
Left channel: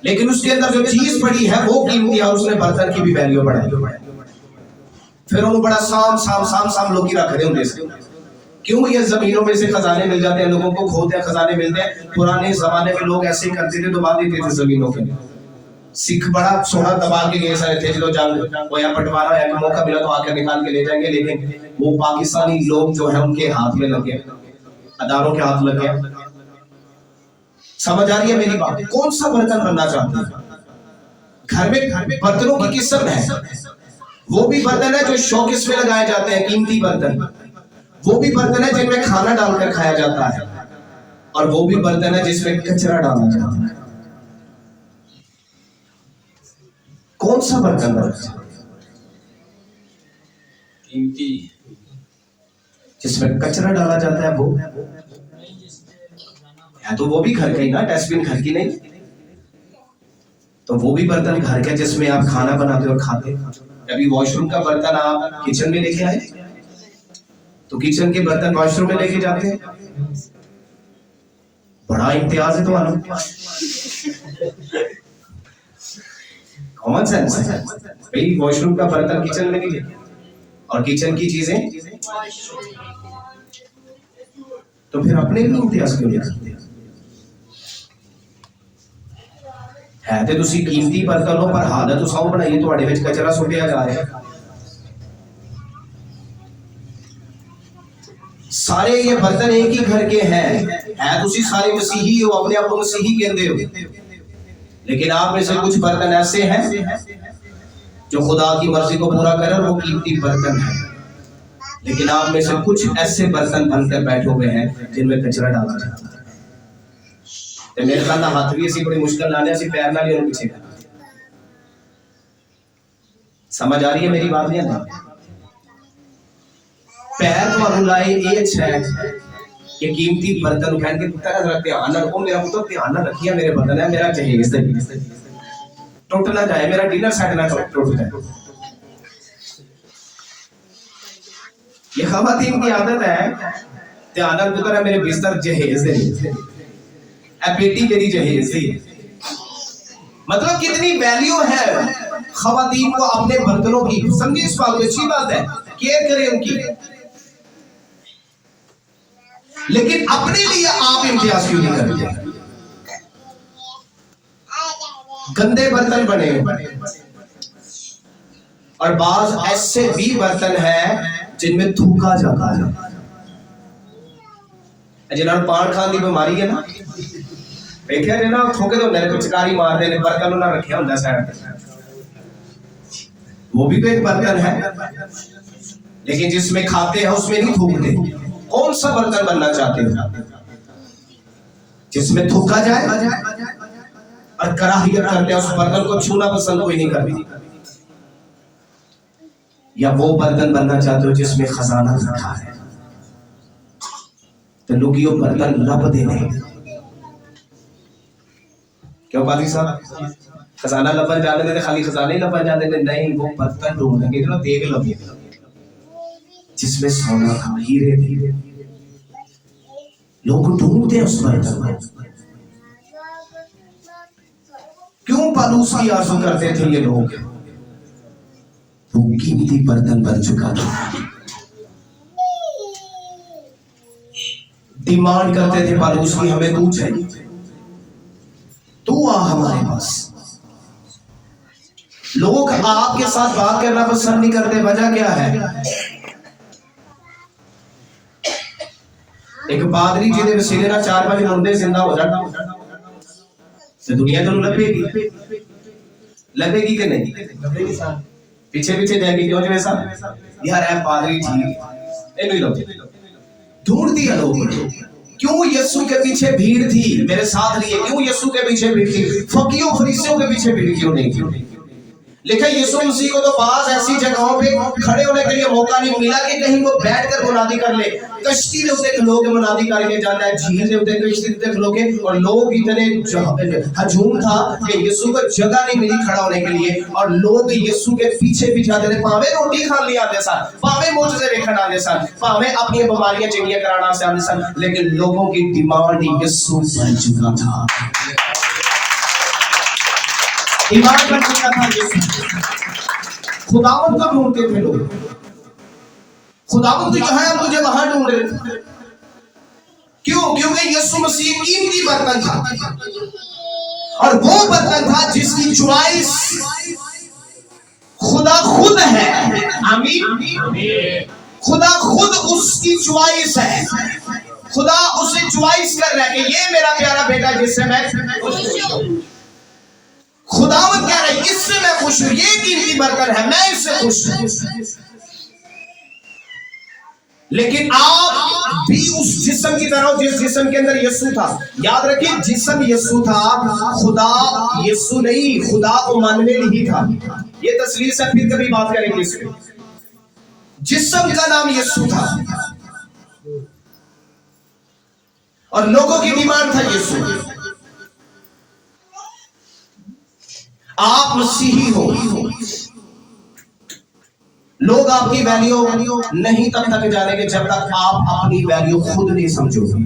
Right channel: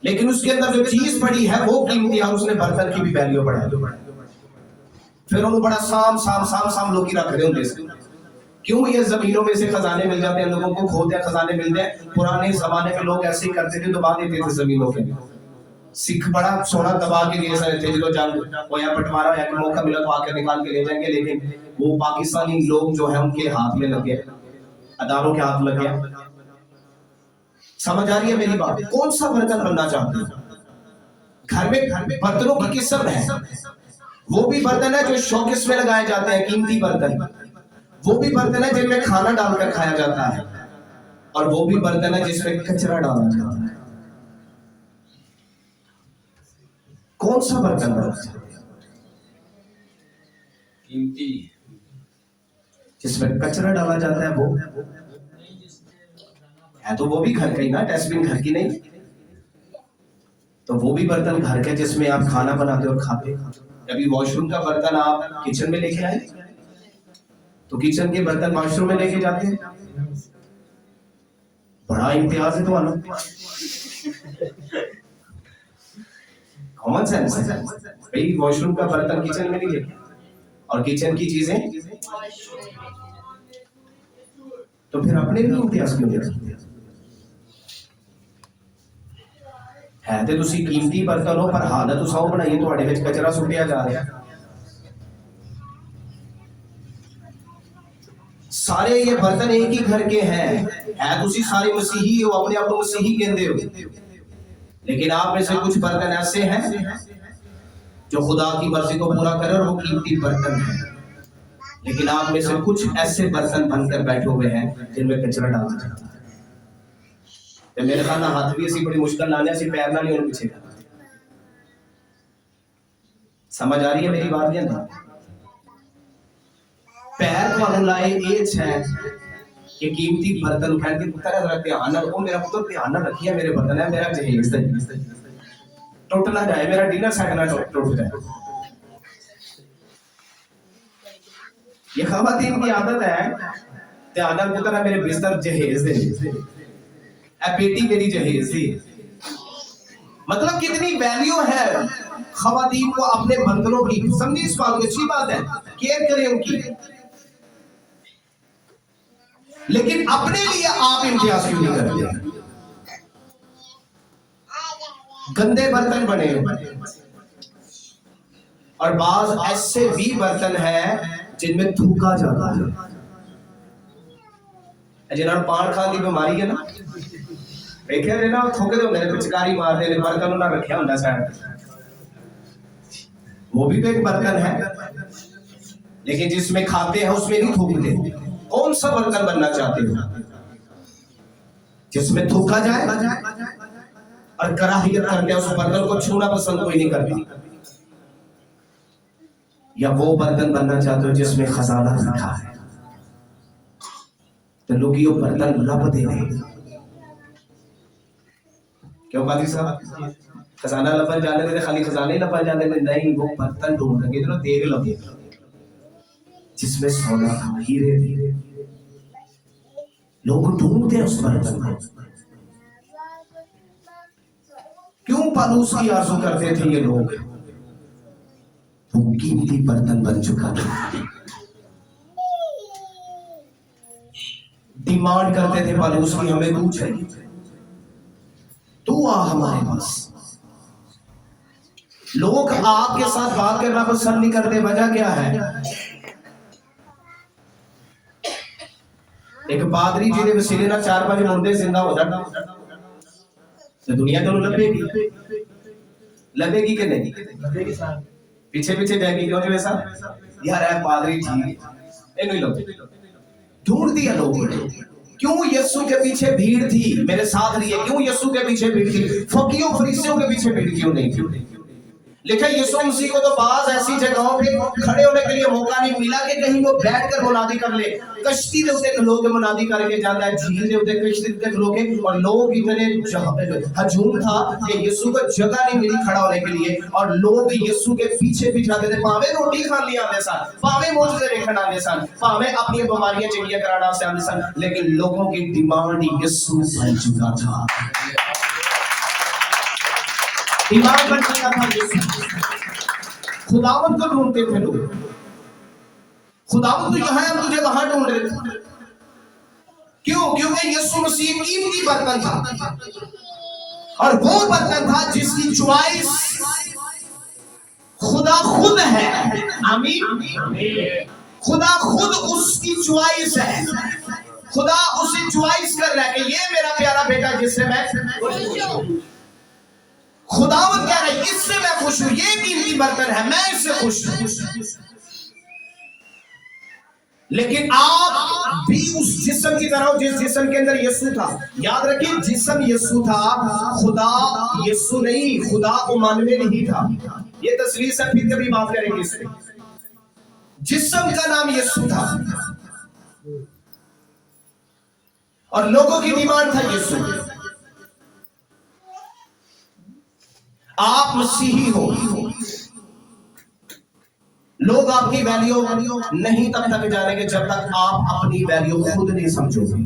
लेकिन उसके अंदर जो चीज पड़ी है वो कीमती है और उसने बर्तन की भी वैल्यू बढ़ाई। फिर उन्होंने बड़ा साम लोग की रख रहे होंगे। क्यों? ये जमीनों में से खजाने मिल जाते हैं, लोगों को खोदते हैं, खजाने मिलते हैं। पुराने जमाने में लोग ऐसे ही करते थे, दबा देते थे जमीनों के। सिख बड़ा सोना दबा के लिए सारे थे, जो जंग वो यहाँ पटवारा है, मौका मिला तो आकर निकाल के ले जाएंगे। लेकिन वो पाकिस्तानी लोग जो है उनके हाथ में लगे, अदारों के हाथ लगे। समझ आ रही है मेरी बात? कौन सा बर्तन बनना चाहते हैं? घर में बर्तनों की किस्म है, वो भी बर्तन है जो शौकिस में लगाए जाते हैं, कीमती बर्तन। वो भी बर्तन है जिनमें खाना डालकर खाया जाता है, और वो भी बर्तन है जिसमें कचरा डाला जाता है। कौन सा बर्तन बनना? कीमती, जिसमें कचरा डाला जाता है। वो है तो वो भी घर का ही ना, डस्टबिन घर की नहीं। तो वो भी बर्तन घर के जिसमें आप खाना बनाते और खाते। कभी वॉशरूम का बर्तन आप किचन में लेके आए तो किचन के बर्तन वॉशरूम में लेके जाते हैं। बड़ा इम्तियाज है तुम्हारा, कॉमन सेंस है भाई। वॉशरूम का बर्तन किचन में नहीं ले, और किचन की चीजें तो फिर अपने भी इम्तियाज क्यों नहीं रखते? है तो तुसी कीमती बर्तन हो, पर हालत तो सौ बनाई तुम्हारे विच कचरा सुटिया जा रहा है। सारे ये बर्तन एक ही घर के हैं, है तुसी सारे मसीही हो, अपने आप को मसीही कहते हो। लेकिन आप में से कुछ बर्तन ऐसे हैं जो खुदा की मर्जी को पूरा करें, और वो कीमती बर्तन है। लेकिन आप में से कुछ ऐसे बर्तन बनकर बैठे हुए हैं जिनमें कचरा डाला जाता है। तो मेरे ख्याल हाथ भी ऐसी बड़ी मुश्किल लाने, ऐसी पैर ना लियो पीछे। समझ आ रही है मेरी बात या नहीं? पैर तो लाए ये अच्छा है कि कीमती बर्तन उठा के पुत्र जरा ध्यान रखो, मेरा पुत्र ध्यान ना रखिए, मेरे बर्तन है, मेरा जहेज टूट ना जाए, मेरा डिनर सेट ना टूट जाए। ये खवातीन की आदत है, ध्यान ना पुत्र है, मेरे बिस्तर जहेज है, पेटी मेरी जहेज थी। मतलब कितनी वैल्यू है खवातीन को अपने बर्तनों की। समझिए इस बात को, अच्छी बात है, केयर करें उनकी। लेकिन अपने लिए आप इम्तियाज क्यों नहीं करते? गंदे बर्तन बने, और बाज ऐसे भी बर्तन हैं जिनमें थूका जाता है। जिन्होंने पान खाने की बीमारी है ना, देखा ना, थूके तो मेरे पिचकारी मार दे, बर्तन उन्होंने रखे होता साइड, वो भी तो एक बर्तन है। लेकिन जिसमें खाते हैं उसमें नहीं थूकते। कौन सा बर्तन बनना चाहते हो? जिसमें थूका जाए और कराहियत करते हैं, उस बर्तन को छूना पसंद कोई नहीं करता। या वो बर्तन बनना चाहते हो जिसमें खजाना रखा है, तो लोग ये बर्तन लब देने। क्यों पादी साहब? खजाना लपन जाने देते, खाली खजाने लपन जाने देते नहीं, वो बर्तन ढूंढेंगे इधर देख लो जिसमें सोना था, हीरे थे। लोग ढूंढते हैं उस बर्तन को। क्यों पालूस की आरज़ू करते थे ये लोग? वो कीमती बर्तन बन चुका था। डिमांड करते थे पालूस की, हमें तू चाहिए, तू आ हमारे पास। लोग आपके साथ बात करना पसंद नहीं करते। वजह क्या है? एक पादरी जिहदे वसीले नाल 4-5 मुंडे जिंदा हो जाण ते दुनिया तुहानूं लभेगी कि नहीं? पीछे पीछे जाएगी क्यों जो ऐसा यार है पादरी ठीक इन्हें लो ढूंढती है लोग क्यों यीशु के पीछे भीड़ थी मेरे साथ लिए क्यों यीशु के पीछे भीड़ थी फकीरों फरीसियों के पीछे भीड़ क्यों नहीं थी लेकिन यीशु मसीह को तो बास ऐसी जगहों पे खड़े होने के लिए मौका नहीं मिला कि कहीं वो बैठकर मुनादी कर ले कश्ती के उत्ते खलोगे मुनादी करके जाता है झील के उत्ते कश्ती के खलोगे और लोग इतने हजूम था कि यीशु को जगह नहीं मिली खड़ा होने के लिए और लोग यीशु के पीछे भी जाते थे भावे रोटी खान लिए आते सन भावे मोजे देखण आते सन भावे अपनी बीमारियां चंगियां कराना से आते सन लेकिन लोगों की डिमांड यीशु बन चुका था ईमान बन चुका था यीशु खुदावंद को ढूंढते थे लोग खुदावंद यहाँ है मुझे वहां ढूंढ रहे थे क्यों क्योंकि यीशु मसीह कीमती बर्तन था और वो बर्तन था जिसकी चॉइस खुदा खुद है आमीन खुदा खुद उसकी चॉइस है खुदा उसे चॉइस कर रहा है कि ये मेरा प्यारा बेटा जिससे मैं खुश हूं खुदावंद कह रहा है इससे मैं खुश हूं ये कीमती बर्तन है मैं इससे खुश हूं लेकिन आप भी उस जिस्म की तरह जिस जिस्म के अंदर यीशु था याद रखिए जिस्म यीशु था खुदा यीशु नहीं खुदा इमानुएल ही था ये तस्वीर से फिर कभी बात करेंगे इस पे जिस्म का नाम यीशु था और लोगों की डिमांड था यीशु आप मसीही हो लोग आपकी वैल्यू नहीं तब तक जानेंगे जब तक आप अपनी वैल्यू खुद नहीं समझोगे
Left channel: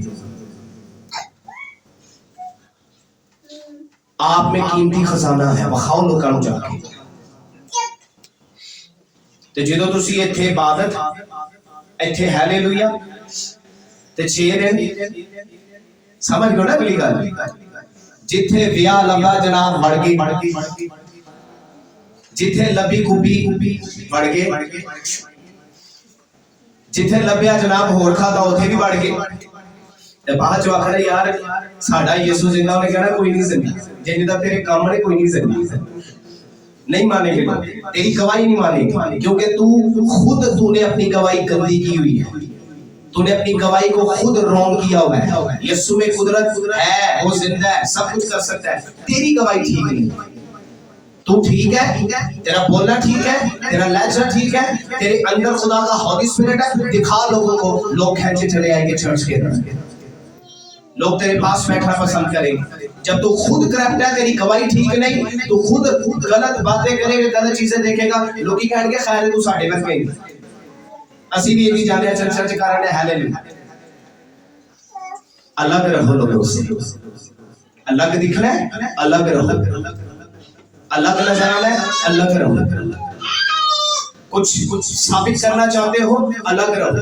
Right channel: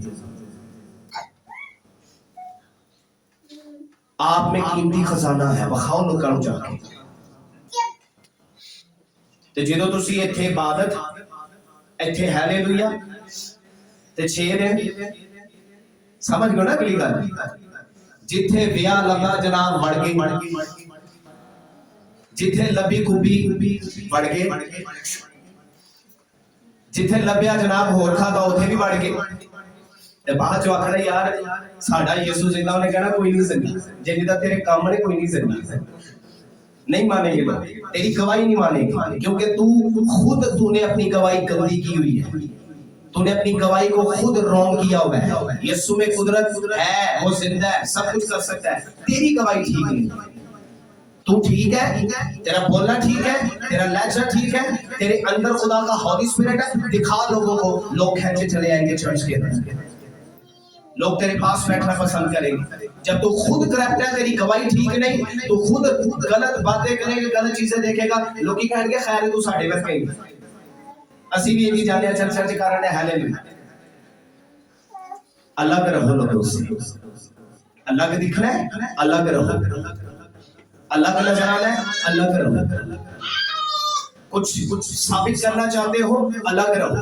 आप में कीमती खजाना है वखाओ लोगों को जाके ते ਜਦੋਂ ਤੁਸੀਂ ਇੱਥੇ ਇਬਾਦਤ ਇੱਥੇ ਹਾਲੇਲੂਇਆ ਤੇ 6 ਦਿਨ ਸਮਝ ਗਏ ਨਾ ਅਗਲੀ ਗੱਲ ਜਿੱਥੇ ਵਿਆਹ ਲੱਗਾ ਜਨਾਬ ਵੜ ਗਈ जिथे लबी कुबी बढ़ गए जिथे लभ्या जनाब होर खाता उथे भी बढ़ गए ते बाद च आखना यार साडा यीशु जिंदा ने कहना कोई नहीं जिंदा जिन्ने दा तेरे काम ने कोई नहीं जिंदा नहीं मानेंगे लोग तेरी गवाही नहीं मानेंगे क्योंकि तूने अपनी गवाही गंदी की हुई है तूने अपनी गवाही को खुद रॉन्ग किया हुआ है यीशु में कुदरत है वो जिंदा है सब कुछ कर सकता है तेरी गवाही ठीक नहीं तू ठीक है तेरा बोलना ठीक है तेरा लहजा ठीक है तेरे अंदर खुदा का हॉली स्पिरिट है दिखा लोगों को लोग खींचे चले आएंगे चर्च के अंदर लोग तेरे पास बैठना पसंद करेंगे जब तू खुद करप्ट है तेरी गवाही ठीक नहीं तू खुद गलत बातें करेगा गलत चीजें देखेगा लोग ही कहेंगे खैर तू साढ़े बस गई असि भी यही जाने चर्चा के कारण है हालेलुया अलग रहो लोगों से अलग दिखना है अलग रहो अलग नजर आना है अलग रहो कुछ साबित करना चाहते हो अलग रहो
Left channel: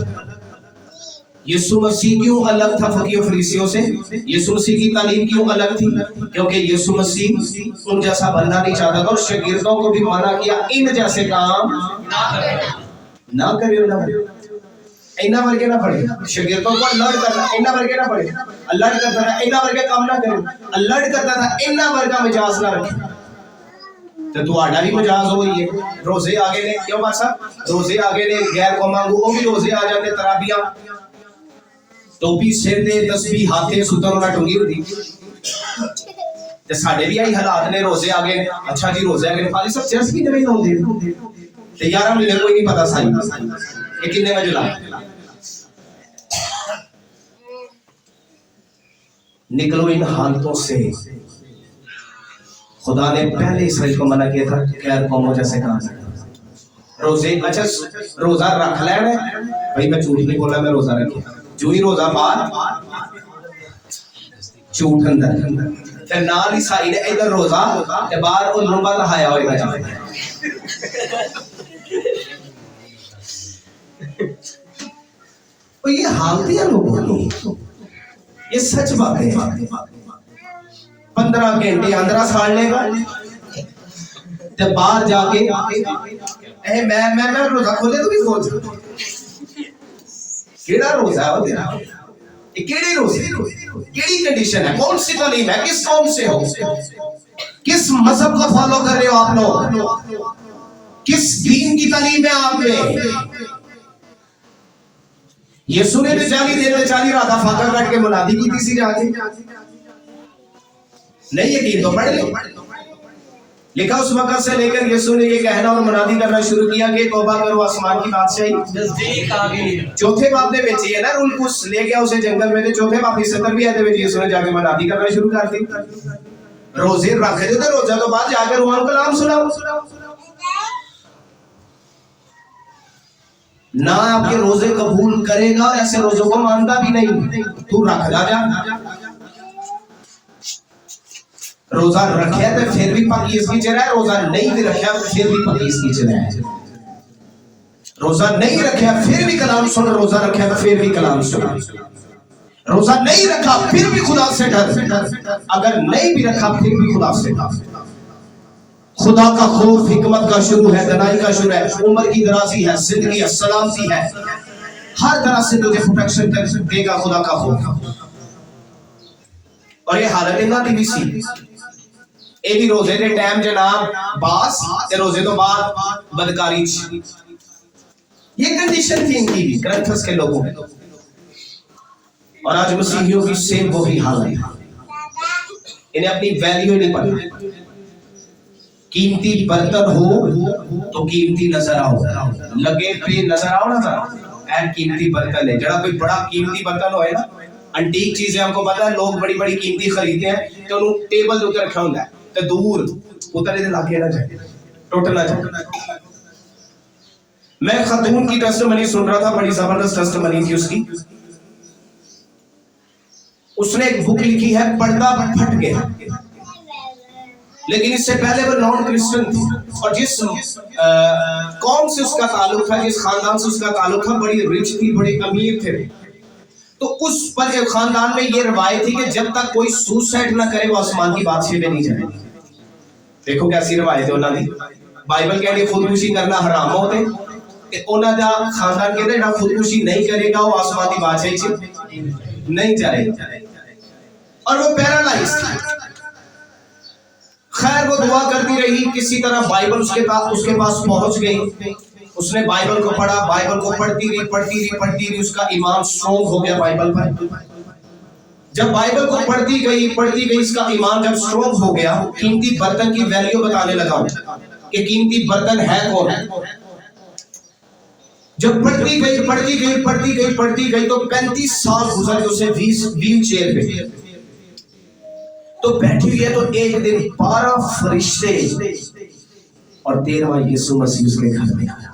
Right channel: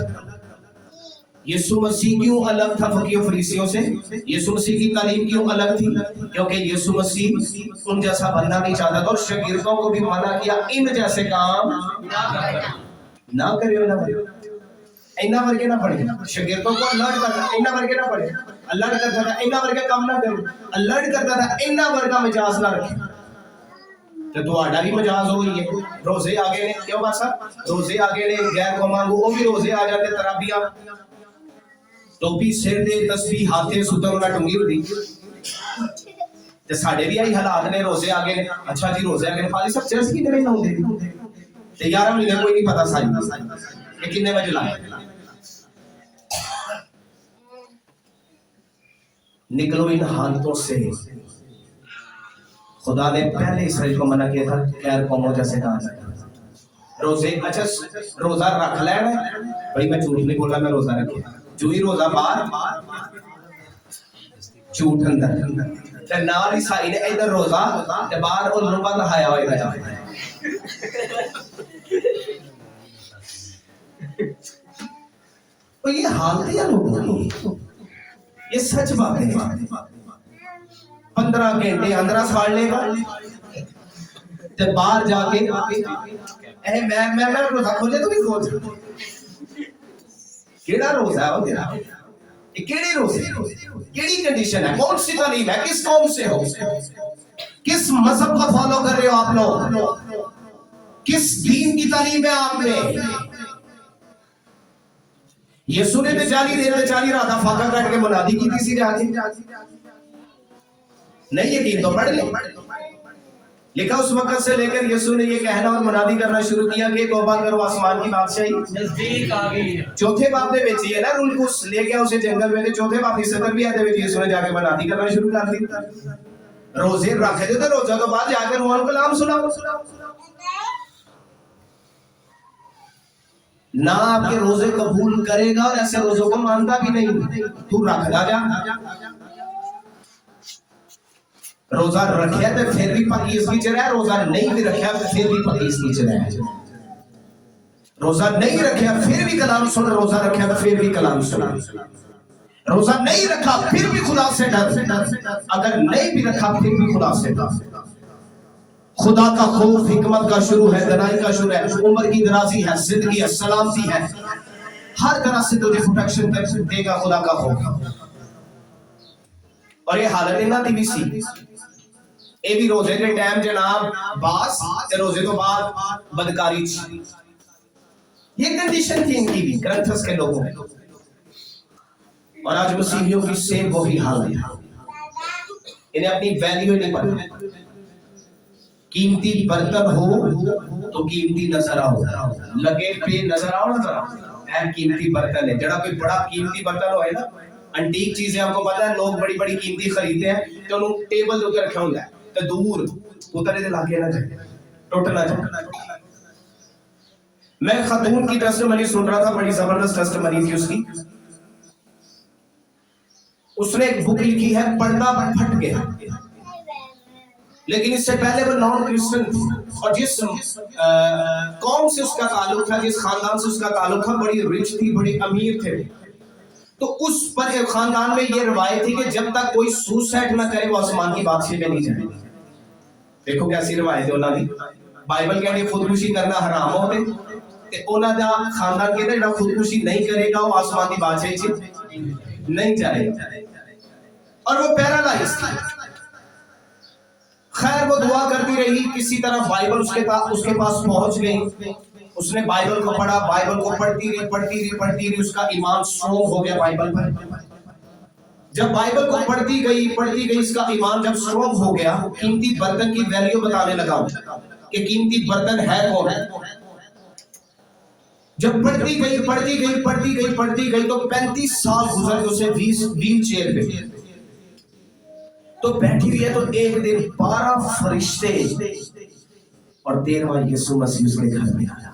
यीशु मसीह क्यों अलग था फकीरों फरीसियों से यीशु मसीह की तालीम क्यों अलग थी क्योंकि यीशु मसीह उन जैसा बनना नहीं चाहता था और शागिर्दों को भी मना किया इन जैसे काम ना करियो ना इन्ना वर्गे ना पढ़े शागिर्दों को अलर्ट करना इन्ना वर्गे ना पढ़े अलर्ट करता था इन्ना वर्गे काम ना करे अलर्ट करता था इन्ना वर्गा मिजाज ना रखे तो तुम्हारा भी मजाज हो रही है रोजे आगे ने क्यों मासा रोजे आगे ने गैर कौमां को वो भी रोजे आ जाते तराबिया टोपी सिर दे तस्बीह हाथे सुतर ना टुंगी हुंदी ते साडे भी आई हालात ने रोजे आगे अच्छा जी रोजे आगे फाली सब चर्च की नहीं होंदे ते 11 महीने कोई नहीं पता साई ये कितने बजे ला निकलो इन हालतों से खुदा ने पहले इसराइल को मना किया था गैर कौमों जैसे कहा रोजे अच्छा रोजा रख लेना भाई मैं झूठ नहीं बोला मैं रोजा रखे जो ही रोजा बाहर झूठ अंदर फिर नाल ही साई ने इधर रोजा ते बाहर और लुंबा नहाया होएगा जाके ये हालत है लोगों की ये सच बात है 15 घंटे अंदर साड़ लेगा ते बाहर जाके ए मैं रोजा खोले तो भी खोल केड़ा रोजा है तेरा केड़ी रोजे, केड़ी कंडीशन है, कौन सी तालीम है, किस कौम से हो, किस मजहब को फॉलो कर रहे हो आप लोग, किस दीन की तालीम है आप में। यीशु ने बेचारी देर बेचारी राधा फाका काट के मुनादी की थी जाके, नहीं यकीन तो पढ़ लो। लिखा उस वक्त से लेकर यीशु ने ये कहना और मुनादी करना शुरू किया कि तौबा करो, आसमान की बादशाही नजदीक आ गई है। चौथे बाब दे विच ये ना रूल कुछ ले गया उसे जंगल में, चौथे बाब की 70वीं आयत में यीशु ने जाके मुनादी करना शुरू कर दी, रोजे रखे थे तो रोजा तो बाद जाकर उन्होंने कलाम सुनाओ। ना आपके रोजे कबूल करेगा, ऐसे रोजों को मानता भी नहीं, तू रख ला जा। रोजा रखा तो फिर भी पकीस की चरा है, रोजा नहीं भी रखा फिर भी पकीस की चरा है। रोजा नहीं रखा फिर भी कलाम सुन, रोजा रखा तो फिर भी कलाम सुन। रोजा नहीं रखा फिर भी खुदा से डर, अगर नहीं भी रखा फिर भी खुदा से डर। खुदा का खौफ हिकमत का शुरू है, दनाई का शुरू है, उम्र की दराजी है, जिंदगी है, सलामती है, हर तरह से तुझे प्रोटेक्शन देगा खुदा का खौफ। और ये हालत इन्हां दी भी सी, ये भी रोजे के टाइम जनाब बास ते रोजे तो बाद बदकारी, ये कंडीशन थी इनकी भी, करंथस के लोगों की। और आज मसीहियों की सेम वही हाल है, इन्हें अपनी वैल्यू नहीं पता। कीमती बर्तन हो तो कीमती नजर आओ, लगे पे नजर आओ ना जरा, ऐन कीमती बर्तन है। जरा कोई बड़ा कीमती बर्तन होए ना, अंटीक चीजें आपको पता है, लोग बड़ी बड़ी कीमती खरीदते हैं तो उन्होंने टेबल के ऊपर रखा होता है तो दूर उतर इधर लाके ना जाए, टूट ना जाए। मैं खातून की टेस्टमनी सुन रहा था, बड़ी जबरदस्त टेस्टमनी थी उसकी। उसने एक बुक लिखी है, पर्दा फट गया, लेकिन इससे पहले वो नॉन क्रिश्चियन थी और जिस कौम से उसका ताल्लुक था, जिस खानदान से उसका ताल्लुक था, बड़ी रिच थी, बड़ी अमीर थे। तो उस पर खानदान में ये रवायत थी कि जब तक कोई सुसाइड ना करे वो आसमान की बादशाही में नहीं जाए। देखो कैसी रवायत है उन्होंने दी। बाइबल कहती खुदकुशी करना हराम होते कि उन्होंने दा खानदान कहते जेड़ा खुदकुशी नहीं करेगा वो आसमान की बादशाही च नहीं जाएगा। और वो पैरालाइज थी। खैर वो दुआ करती रही, किसी तरह बाइबल उसके पास पहुंच गई। उसने बाइबल को पढ़ा, बाइबल को पढ़ती रही, उसका ईमान स्ट्रॉन्ग हो गया बाइबल पर। जब बाइबल को पढ़ती गई इसका ईमान जब स्ट्रॉन्ग हो गया, कीमती बर्तन की वैल्यू बताने लगा कि कीमती बर्तन है कौन। जब पढ़ती गई तो 35 साल गुजर गए उसे व्हील चेयर पे तो बैठी हुई है। तो एक दिन 12 फरिश्ते और 13वां यीशु मसीह उसके घर में आया।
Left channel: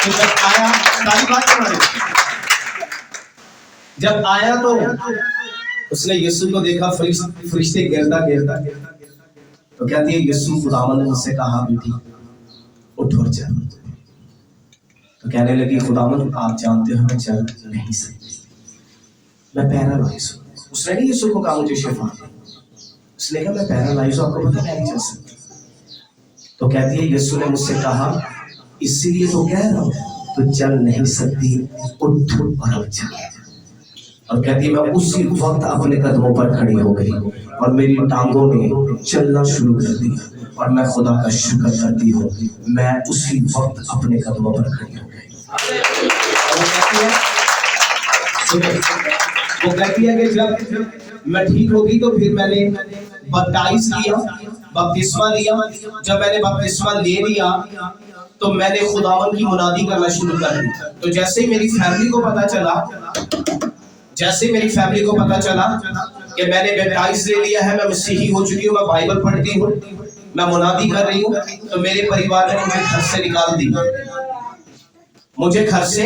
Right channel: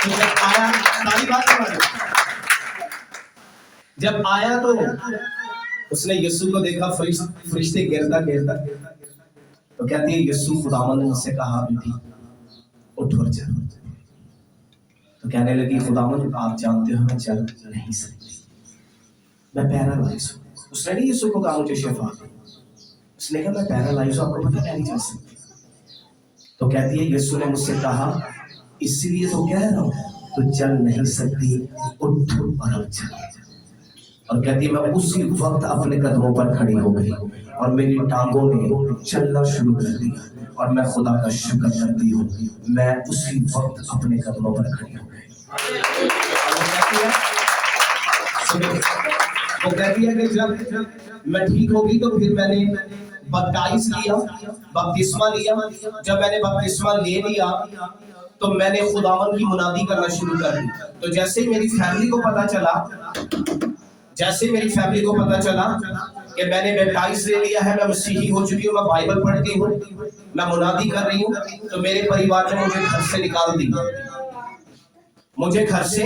तो जब आया, सारी बात सुना, जब आया तो उसने यीशु को देखा, फरिश्ते गिरता तो कहती है यीशु खुदावंद ने मुझसे कहा बेटी उठ और चल। तो कहने लगी खुदावंद आप जानते हो मैं चल नहीं सकती, मैं पैरालाइज हूं। उसने नहीं यीशु को कहा मुझे शिफा दे, उसने कहा मैं पैरालाइज हूं, आपको पता मैं नहीं चल सकती। तो कहती है यीशु ने मुझसे कहा इसीलिए तो कह रहा हूं तो चल नहीं सकती, उठ और चल। और कहती है मैं उसी वक्त अपने कदमों पर खड़ी हो गई और मेरी टांगों ने चलना शुरू कर दिया और मैं खुदा का शुक्र करती हूँ, मैं उसी वक्त अपने कदमों पर खड़ी हो गई। वो कहती है कि जब मैं ठीक होगी तो फिर मैंने बपटाइज किया, बपतिस्मा लिया। जब मैंने बपतिस्मा ले लिया तो मैंने खुदावन की मुनादी करना शुरू कर दी। तो जैसे ही मेरी फैमिली को पता चला कि मैंने बैप्टाइज ले लिया है, मैं मसीही हो चुकी हूँ, मैं बाइबल पढ़ती हूँ, मैं मुनादी कर रही हूँ, तो मेरे परिवार ने मुझे घर से निकाल दी। मुझे घर से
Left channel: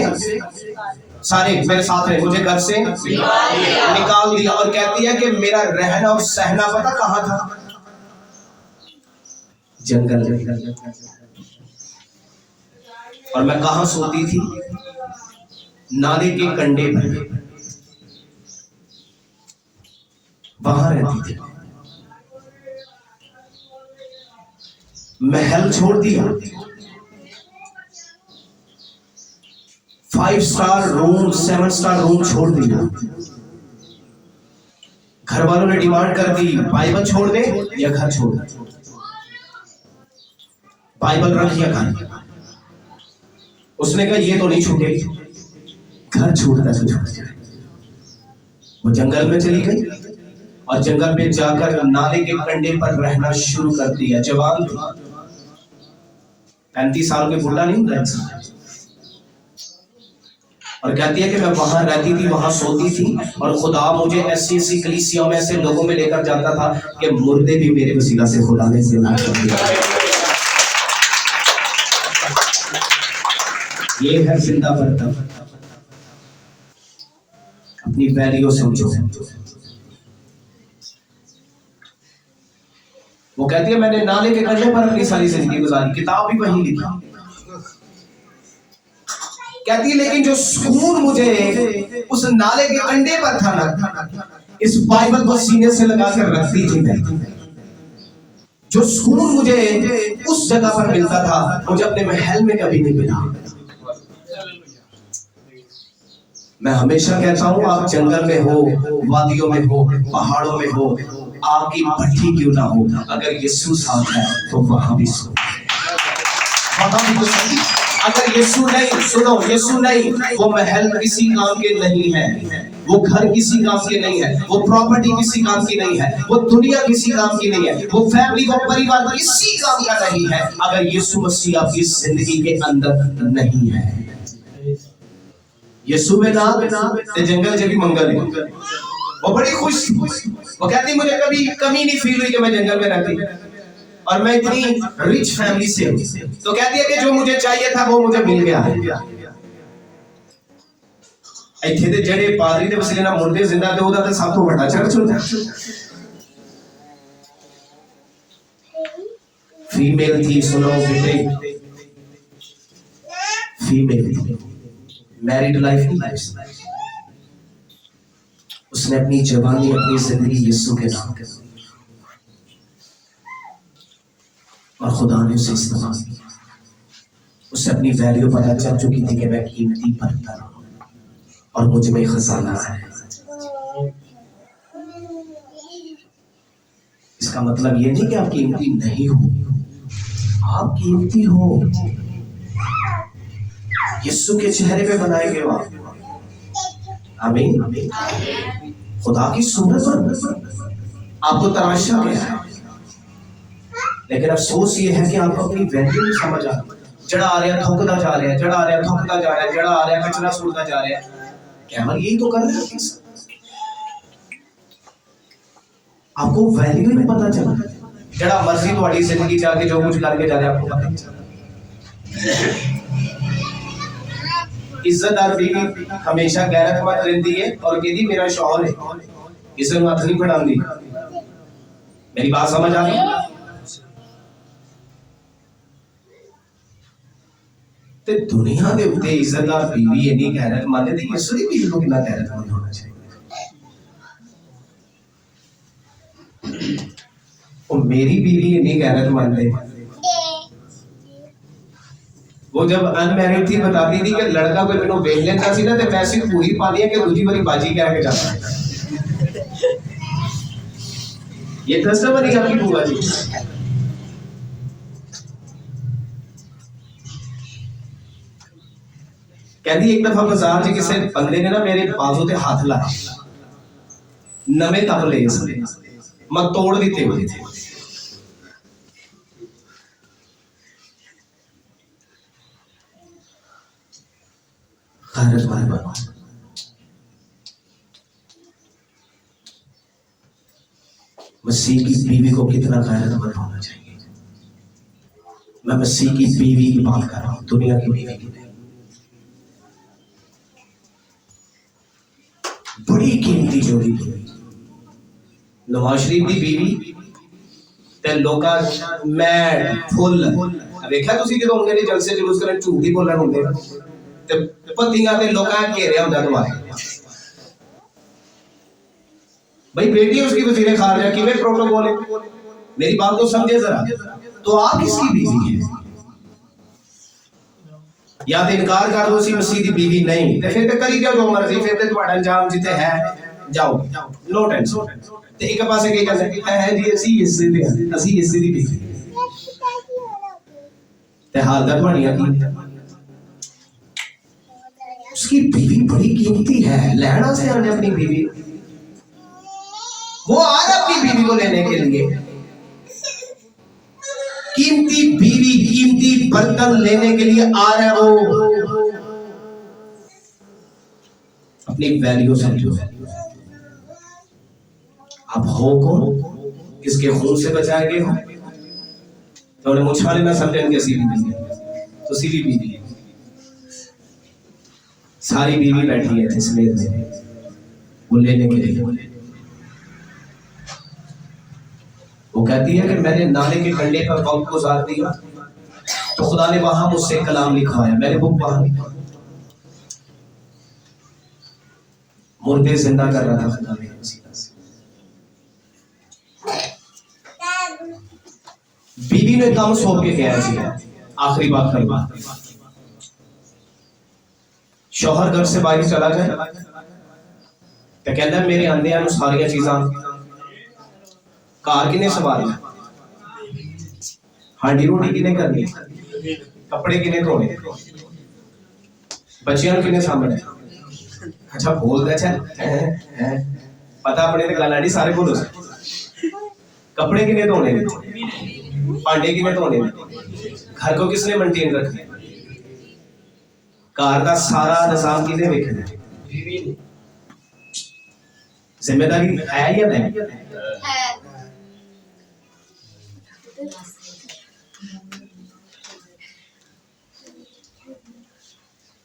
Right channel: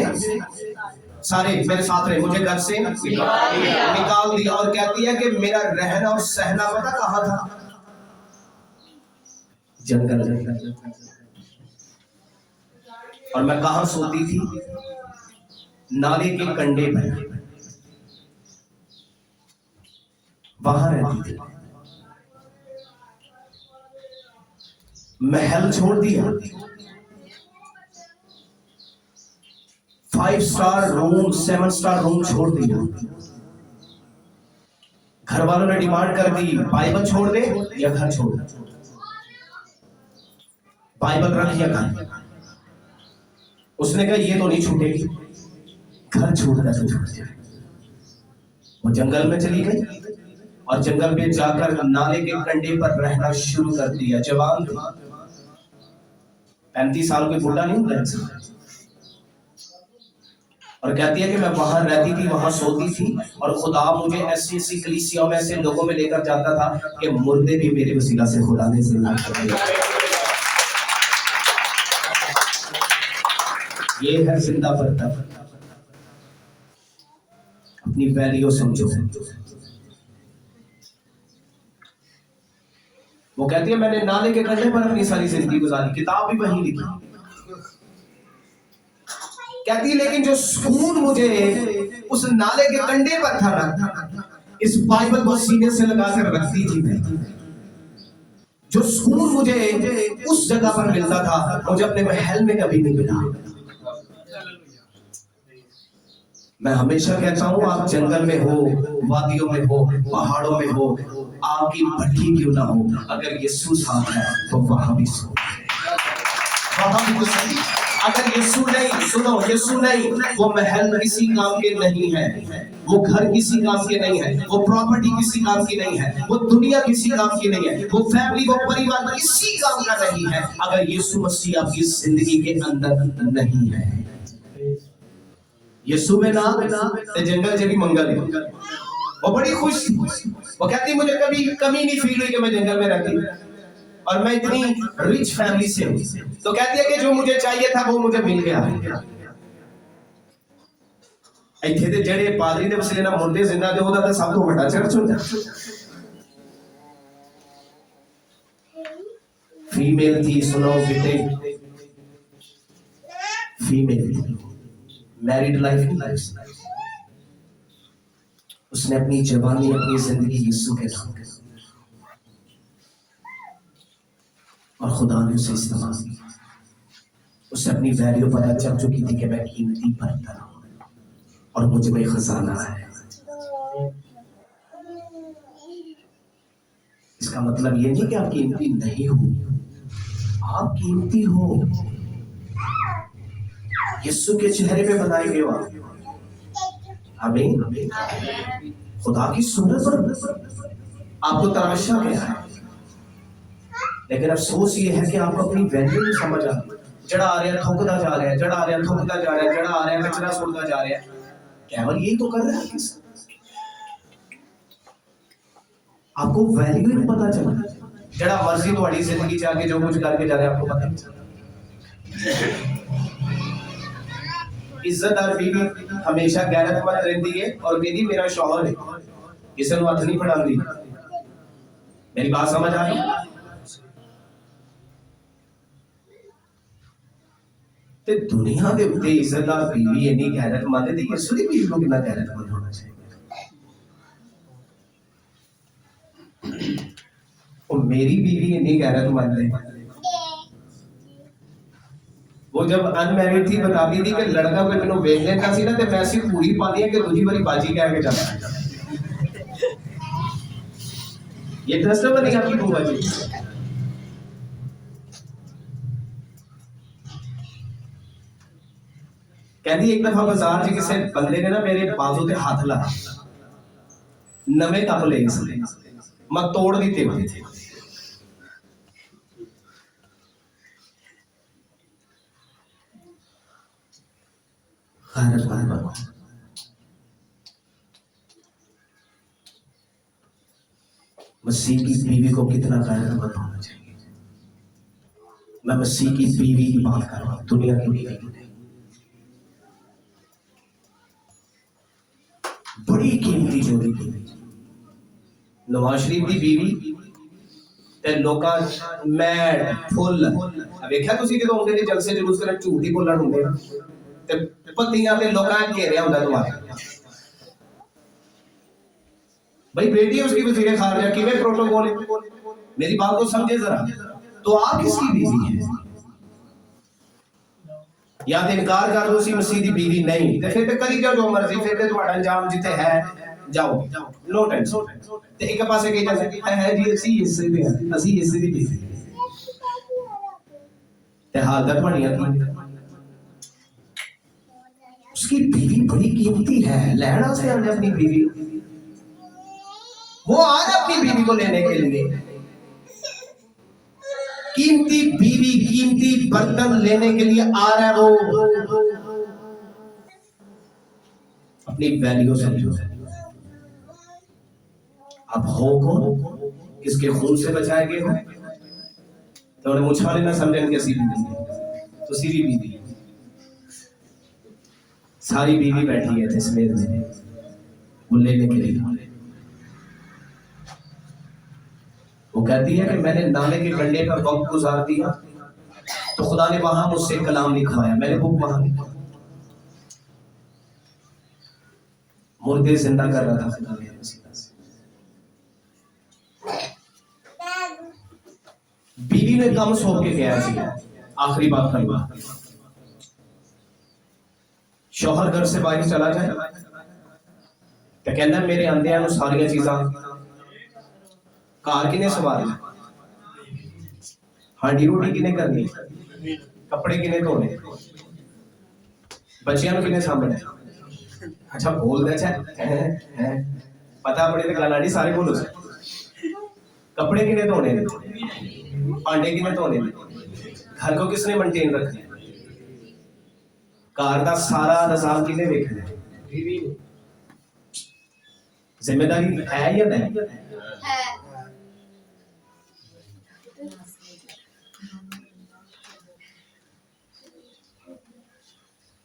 सारे मेरे साथ रहे, मुझे घर से निकाल दिया। और कहती है कि मेरा रहना और सहना पता कहाँ था? जंगल। और मैं कहाँ सोती थी? नाले के कंढे पर, वहां रहती थी। महल छोड़ दिया, 5 स्टार रूम 7 स्टार रूम छोड़ दिया। घर वालों ने डिमांड कर दी बाइबल छोड़ दे या घर छोड़ दे। बाइबल रख या घर। उसने कहा ये तो नहीं छूटेगी, घर छूटता तो छूट जाए। वो जंगल में चली गई और जंगल में जाकर नाले के कंढे पर रहना शुरू कर दिया। जवान थी, 35 साल के बुढ़ा नहीं होता इंसान। और कहती है कि मैं वहां रहती थी, वहां सोती थी और खुदा मुझे ऐसी ऐसी कलीसियों में ऐसे लोगों में लेकर जाता था कि मुर्दे भी मेरे वसीला से खुदा ने जिंदा कर दिया। ये है जिंदा बर्तन। अपनी वैल्यू समझो। वो कहती है मैंने नाले के कंढे पर अपनी सारी जिंदगी गुजारी, किताब भी वहीं लिखी। कहती है लेकिन जो सुकून मुझे उस नाले के कंढे पर था ना, इस बाइबल को सीने से लगाकर रखती थी मैं। जो सुकून मुझे उस जगह पर मिलता था, मुझे अपने महल में कभी नहीं मिला। मैं हमेशा कहता हूं आप जंगल में हो, वादियों में हो, पहाड़ों में हो, आपकी भट्टी क्यों ना हो, अगर यीशु साथ है तो वहां भी सो, वहां भी सही। अगर यीशु नहीं, सुनो, यीशु नहीं, वो महल किसी काम के नहीं है, वो घर किसी काम के नहीं है, वो प्रॉपर्टी किसी काम की नहीं है, वो दुनिया किसी काम की नहीं है, वो फैमिली, वो परिवार किसी काम का नहीं है, अगर यीशु मसीह आपकी जिंदगी के अंदर नहीं है। यीशु में ना ते जंगल भी मंगल है। वो बड़ी खुश थी। वो कहती मुझे कभी कमी नहीं फील हुई कि मैं जंगल में रहती और मैं इतनी रिच फैमिली से हूं। तो कहती है कि जो मुझे चाहिए था वो मुझे मिल गया। ਇੱਥੇ ਦੇ ਜਿਹੜੇ ਪਾਦਰੀ ਦੇ ਵਸਲੇ ਨਾਲ ਮੁਰਦੇ ਜ਼ਿੰਦਾ ਤੇ ਉਹਦਾ ਤਾਂ ਸਭ ਤੋਂ ਵੱਡਾ ਚਰਚ ਹੁੰਦਾ। फीमेल थी, सुनो बेटे, फीमेल थी, मैरिड लाइफ नहीं लाइफ। उसने अपनी जवानी, अपनी जिंदगी यीशु के नाम कर और खुदा ने उसे इस्तेमाल किया। उसे अपनी वैल्यू पता चल चुकी थी कि मैं कीमती बर्तन हूं और मुझ में खजाना है। इसका मतलब ये नहीं कि आप कीमती नहीं हो, आप कीमती हो। यीशु के चेहरे पे बनाए गए हो आप। आमीन। खुदा की सूरत पर आपको तराशा गया है, लेकिन अफसोस ये है कि आपको अपनी वैल्यू नहीं समझ आ रही। जड़ा आ रहा थोकता जा रहा है, जड़ा आ रहा थोकता जा रहा है, जड़ा आ रहा कचरा सुटता जा रहा है। केवल यही तो कर रहा है, आपको वैल्यू नहीं पता चला। जड़ा मर्जी तुम्हारी जिंदगी जाके जो कुछ करके जा रहे आपको पता नहीं चला। इज्जतदार बीवी हमेशा गैरतमंद रहती है और कहती मेरा शौहर है, किसी को हथ नहीं फड़ाती। मेरी बात समझ आ रही? ते दुनिया के उत्ते इज्जतदार बीवी इन्नी गैरतमंद है, यीशु दी बीवी को कितना गैरतमंद होना चाहिए। और मेरी बीवी इतनी गैरतमंद है, वो जब अनमैरिड थी बताती थी कि लड़का कोई मैनू वेख लेता सी ना ते मैं सिर्फ पूरी पानी है कि दूसरी बारी बाजी कह के जाता है। ये कस्टमर ही आपकी बुआ जी। कहती एक दफा बाजार च किसी बंदे ने ना मेरे बाजू ते हाथ लाया, नवे तबले इसने मैं तोड़ दिते हुए थे। मसीह की बीवी को कितना गैरतमंद होना चाहिए। मैं मसीह की बीवी की बात कर रहा हूं, दुनिया की बीवी की। बड़ी कीमती जोड़ी थी नवाज शरीफ की बीवी ते लोका मैड फुल वेख्या तुसी जदों उन्हें जलसे जुलूस करन झूठ ही बोलण हुंदे ते पतियां ते लोकां घेरिया हुंदा तुम्हारे। भाई बेटी उसकी वजीर खारजा किवें प्रोटोकॉल है, मेरी बात को समझे जरा। तो आप किसकी बीवी है? या तो इनकार कर दो सी मसीह दी बीवी नहीं ते फिर ते करी जाओ जो मर्जी, फिर ते तुम्हारा अंजाम जिते है जाओ, नो टेंशन। ते एक पासे कही जाते है जी ਅਸੀਂ ਇਸੇ ਦੇ ਹਾਂ, ਅਸੀਂ ਇਸੇ ਦੀ बीवी ते हाल दा बढ़िया की उसकी बीवी बड़ी कीमती है, लेना से हमने अपनी बीवी, वो आ रहा अपनी बीवी को लेने के लिए, कीमती बीवी कीमती बर्तन लेने के लिए आ रहा है वो, अपनी वैल्यू समझो। अब हो कौन, किसके खून से बचाए गए हो, तो उन्हें मुझ वाले ना समझेंगे कि तो सीधी बीवी सारी बीवी बैठी है इसमें वो लेने के लिए। वो कहती है कि मैंने नाले के कंढे पर वक्त गुजार दिया तो खुदा ने वहां मुझसे कलाम लिखवाया, मैंने बुक वहां लिखा, मुर्दे जिंदा कर रहा था खुदा ने। बीवी में काम सौंप के गया जी। आखिरी बात करूंगा, शौहर घर से बाहर चला जाए तो कहना मेरे आंदियां सारिया चीजा कार किने संभालना, हांडी रोटी किने करनी, कपड़े किने धोने, बच्चियां किने सामने। अच्छा बोल दे पता अपने गल आनी सारे बोलो, कपड़े किने धोने, भांडे किने धोने, घर को किसने मेंटेन रखना, कार का सारा निजाम किने देखना, जिम्मेदारी है या नहीं है?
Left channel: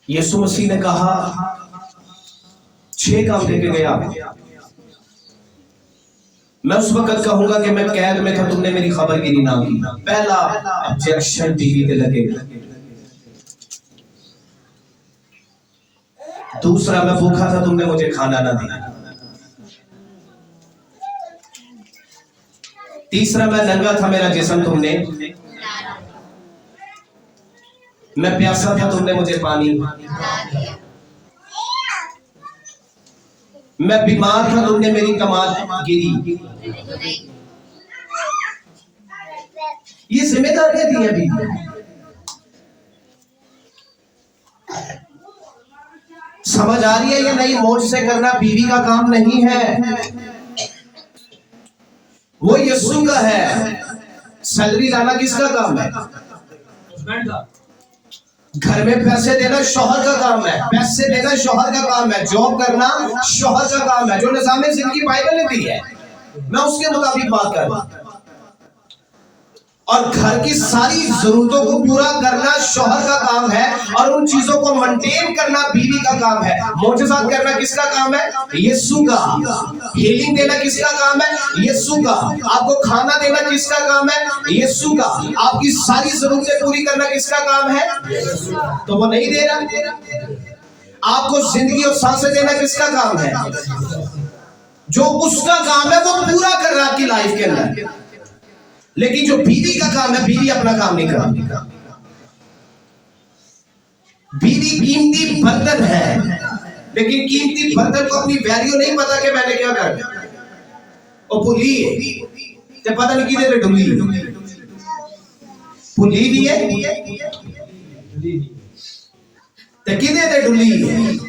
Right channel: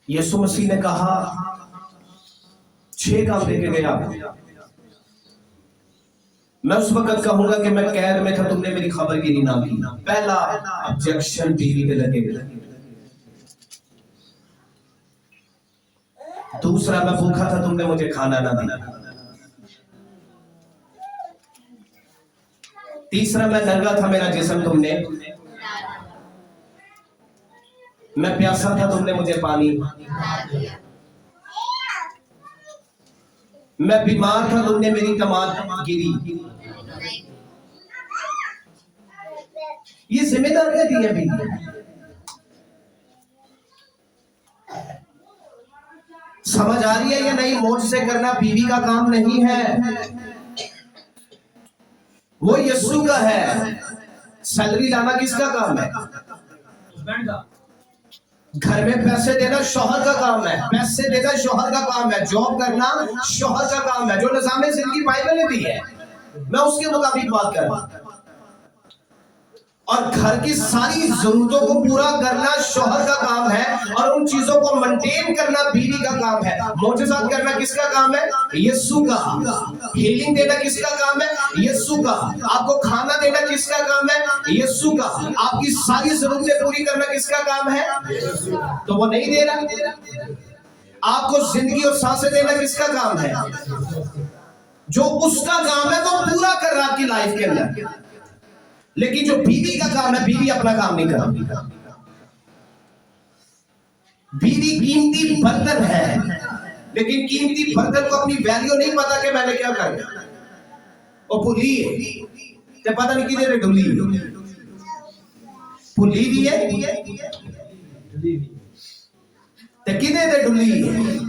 यीशु मसीह ने कहा 6 काम देके गया, मैं उस वक्त कहूंगा कि मैं कैद में था, तुमने मेरी खबरगिरी ना की। पहला ऑब्जेक्शन टीवी पे लगेगा, दूसरा मैं भूखा था तुमने मुझे खाना ना दिया, तीसरा मैं नंगा था मेरा जिस्म तुमने, मैं प्यासा था तुमने मुझे पानी, मैं बीमार था तुमने मेरी कमाल गिरी। ये जिम्मेदारियां दी हैं बीवी, समझ आ रही है या नहीं? मौज से करना बीवी का काम नहीं है, वो यीशु का है। सैलरी लाना किसका काम है? घर में पैसे देना शौहर का काम है, पैसे देना शौहर का काम है, जॉब करना शौहर का काम है, जो निजाम जिंदगी बाइबल ने दी है मैं उसके मुताबिक बात कर रहा हूं। और घर की सारी जरूरतों को पूरा करना शौहर का काम है और उन चीजों को मेंटेन करना बीवी का काम है। मौजूदात करना किसका काम है? यीशु का। हीलिंग देना किसका काम है? यीशु का। आपको खाना देना किसका काम है? यीशु का। आपकी सारी जरूरतें पूरी करना किसका काम है? तो वो नहीं दे रहा। आपको जिंदगी और सांसें देना किसका काम है? जो उसका काम है वो पूरा कर रहा है आपकी लाइफ के अंदर। लेकिन जो बीवी का काम है, बीवी अपना काम नहीं करती। बीवी कीमती बर्तन है, लेकिन कीमती बर्तन को अपनी वैल्यू नहीं पता कि मैंने क्या कर वो भुली है ते पता नहीं किधर डुली भुली भी है ते किधर डुली है।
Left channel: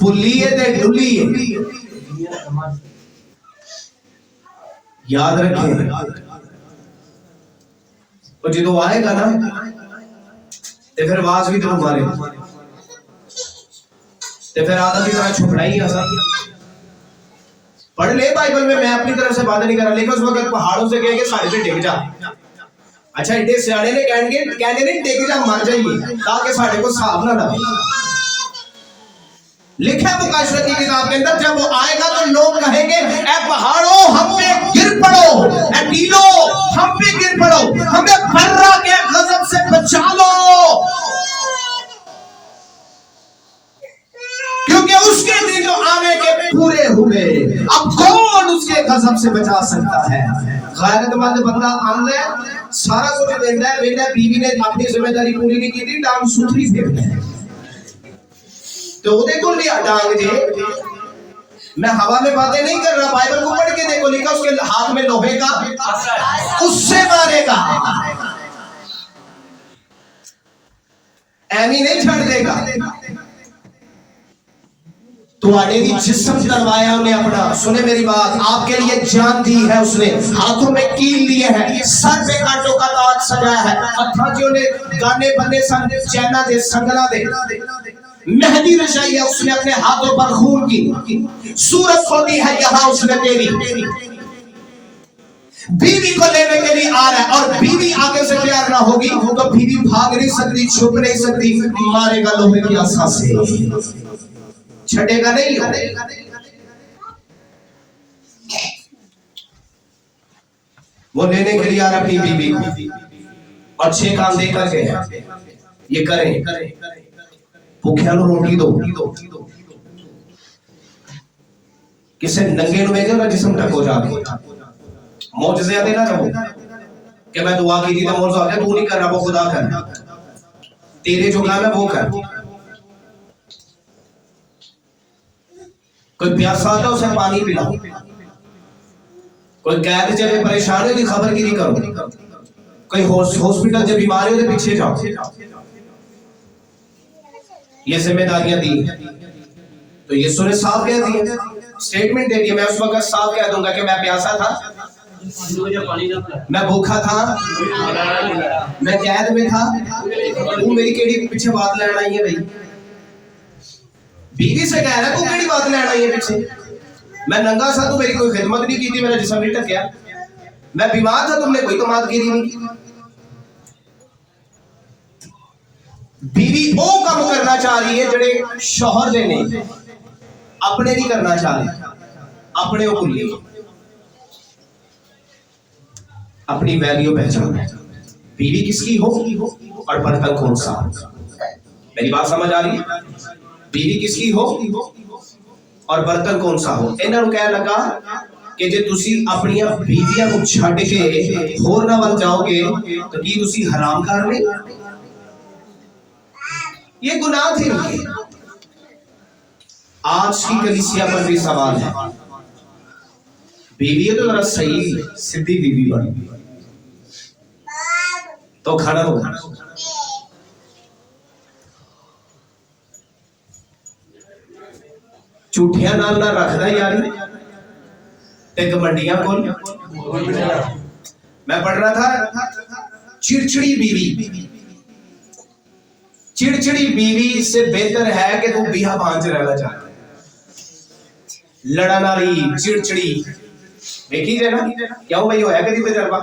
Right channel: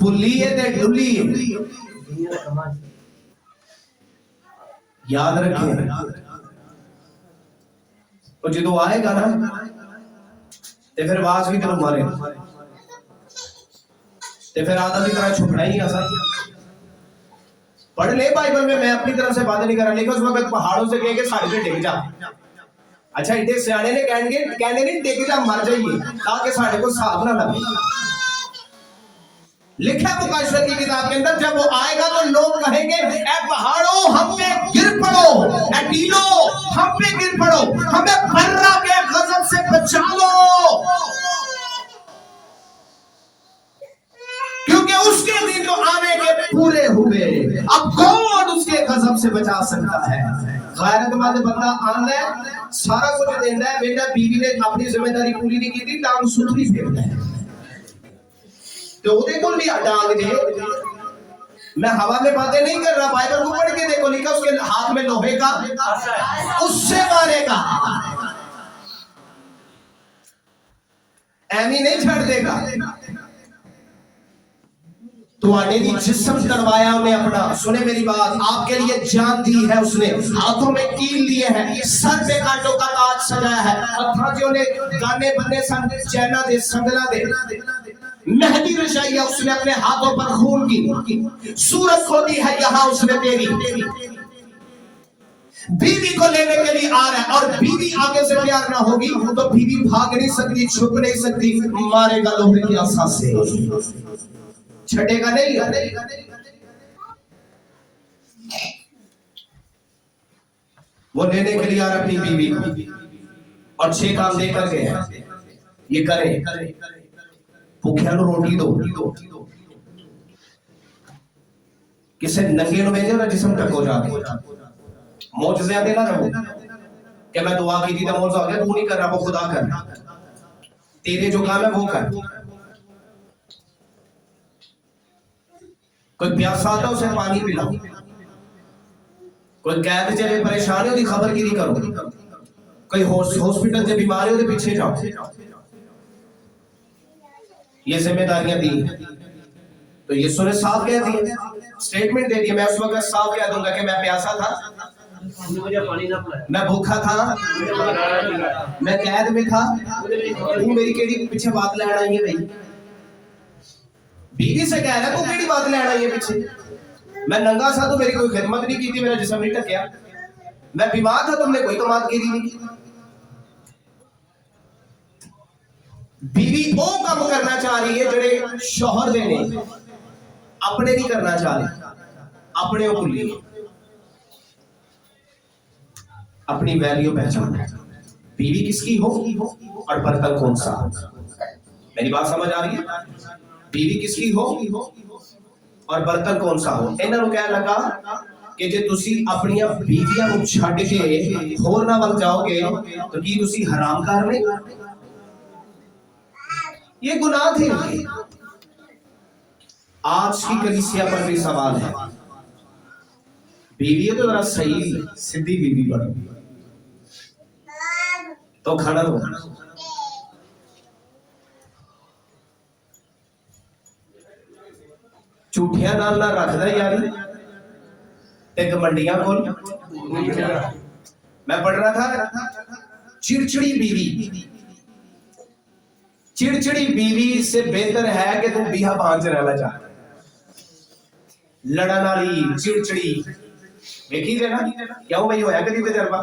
भुलिए ते डुलिए, याद रखें। तो जो आएगा ना ते फिर आवाज भी तेन मारे ते फिर आधा भी तरह छुपना ही आसा। पढ़ ले बाइबल में, मैं अपनी तरफ से बात नहीं कर रहा, लेकिन उस वक्त पहाड़ों से कहेंगे साढ़े पे डिग जा। अच्छा इतने सियाने ने कहने नहीं डिग जा मर जाइए ताकि साढ़े को हिसाब ना लगे। लिखा मुकाशवा की किताब के अंदर जब वो आएगा तो लोग कहेंगे ए पहाड़ों हम पे गिर पड़ो, ए टीलों हम पे गिर पड़ो, हमें फर्रा के गजब से बचा लो, क्योंकि उसके दिन जो आने के पूरे हुए। अब कौन उसके गजब से बचा सकता है? गैरतमंद बंदा आंदा है, सारा कुछ देता है, बेटा बीवी ने अपनी जिम्मेदारी पूरी नहीं की, टांग सुथरी फेरता है। तो उदे को लिया टांग जे, मैं हवा में बातें नहीं कर रहा, बाइबल को पढ़ के देखो, लिखा उसके हाथ में लोहे का उससे मारेगा, एमी नहीं छड़ देगा। तो आने जिस्म करवाया उन्हें अपना, सुने मेरी बात, आपके लिए जान दी है उसने, हाथों में कील लिए है, सर पे कांटों का ताज सजाया है, हथा जो ने गाने बंदे संग चैना दे संगना दे, मेहंदी रचाई है उसने अपने हाथों पर खून की, सूरत खोदी है यहाँ उसने तेरी, बीवी को लेने के लिए आ रहा है, और बीवी आगे से तैयार ना होगी तो बीवी भाग नहीं सकती, छुप नहीं सकती, मारेगा लोहे की आसा से, छटेगा नहीं। वो लेने के लिए आ रहा अपनी बीवी को, और 6 काम दे करके है, ये करें, भूखिया रोटी दो, किसे नंगे नु वेखे ना जिस्म टको जाके मौजज़े देना रहो कि मैं दुआ की थी तो मौजज़ा आ गया, तू नहीं कर रहा, वो खुदा कर, तेरे जो काम है वो कर। कोई प्यासा आता उसे पानी पिलाओ, कोई कैद चले परेशान है उसकी खबरगिरी करो, कोई हॉस्पिटल से बीमार है उसके पीछे जाओ, ये जिम्मेदारियां दी। तो यीशु ने साफ कह दिया, स्टेटमेंट दे दिया, मैं उस वक्त साफ कह दूंगा कि मैं प्यासा था, मैं भूखा था, मैं कैद में था, तू मेरी केड़ी पीछे बात लेना आई है भाई, बीवी से कह रहा तू केड़ी बात लेना आई है पीछे, मैं नंगा था, तू मेरी कोई खिदमत नहीं की थी, मेरा जिस्म नहीं ढकिया, मैं बीमार था, तुमने कोई कमादगिरी नहीं की। बीवी वो काम करना चाह रही है जेड़े शौहर दे नहीं, अपने नहीं करना चाह रही, अपने को भूली, अपनी वैल्यू पहचान, बीवी किसकी हो और बर्तन कौन सा हो। मेरी बात समझ आ रही है? बीवी किसकी हो और बर्तन कौन सा हो। इन्होंने कह लगा कि जे तुसी अपनी बीवियां को छड़ के होर ना वल जाओगे तो की तुसी हराम कर रहे, ये गुनाह थे। आज की कलीसिया पर भी सवाल है, बीवी तो जरा सही सीधी बीवी बनी तो खड़ा हो, झूठिया नाल ना रखदा यारी ते गमंडियां कोल। मैं पढ़ रहा था, चिड़चिड़ी बीवी, चिड़चिड़ी बीवी से बेहतर है कि तू बिहा बांझ रहना चाह, लड़न वाली चिड़चिड़ी देखी जे ना, क्यों भाई होया कदी तजर्बा?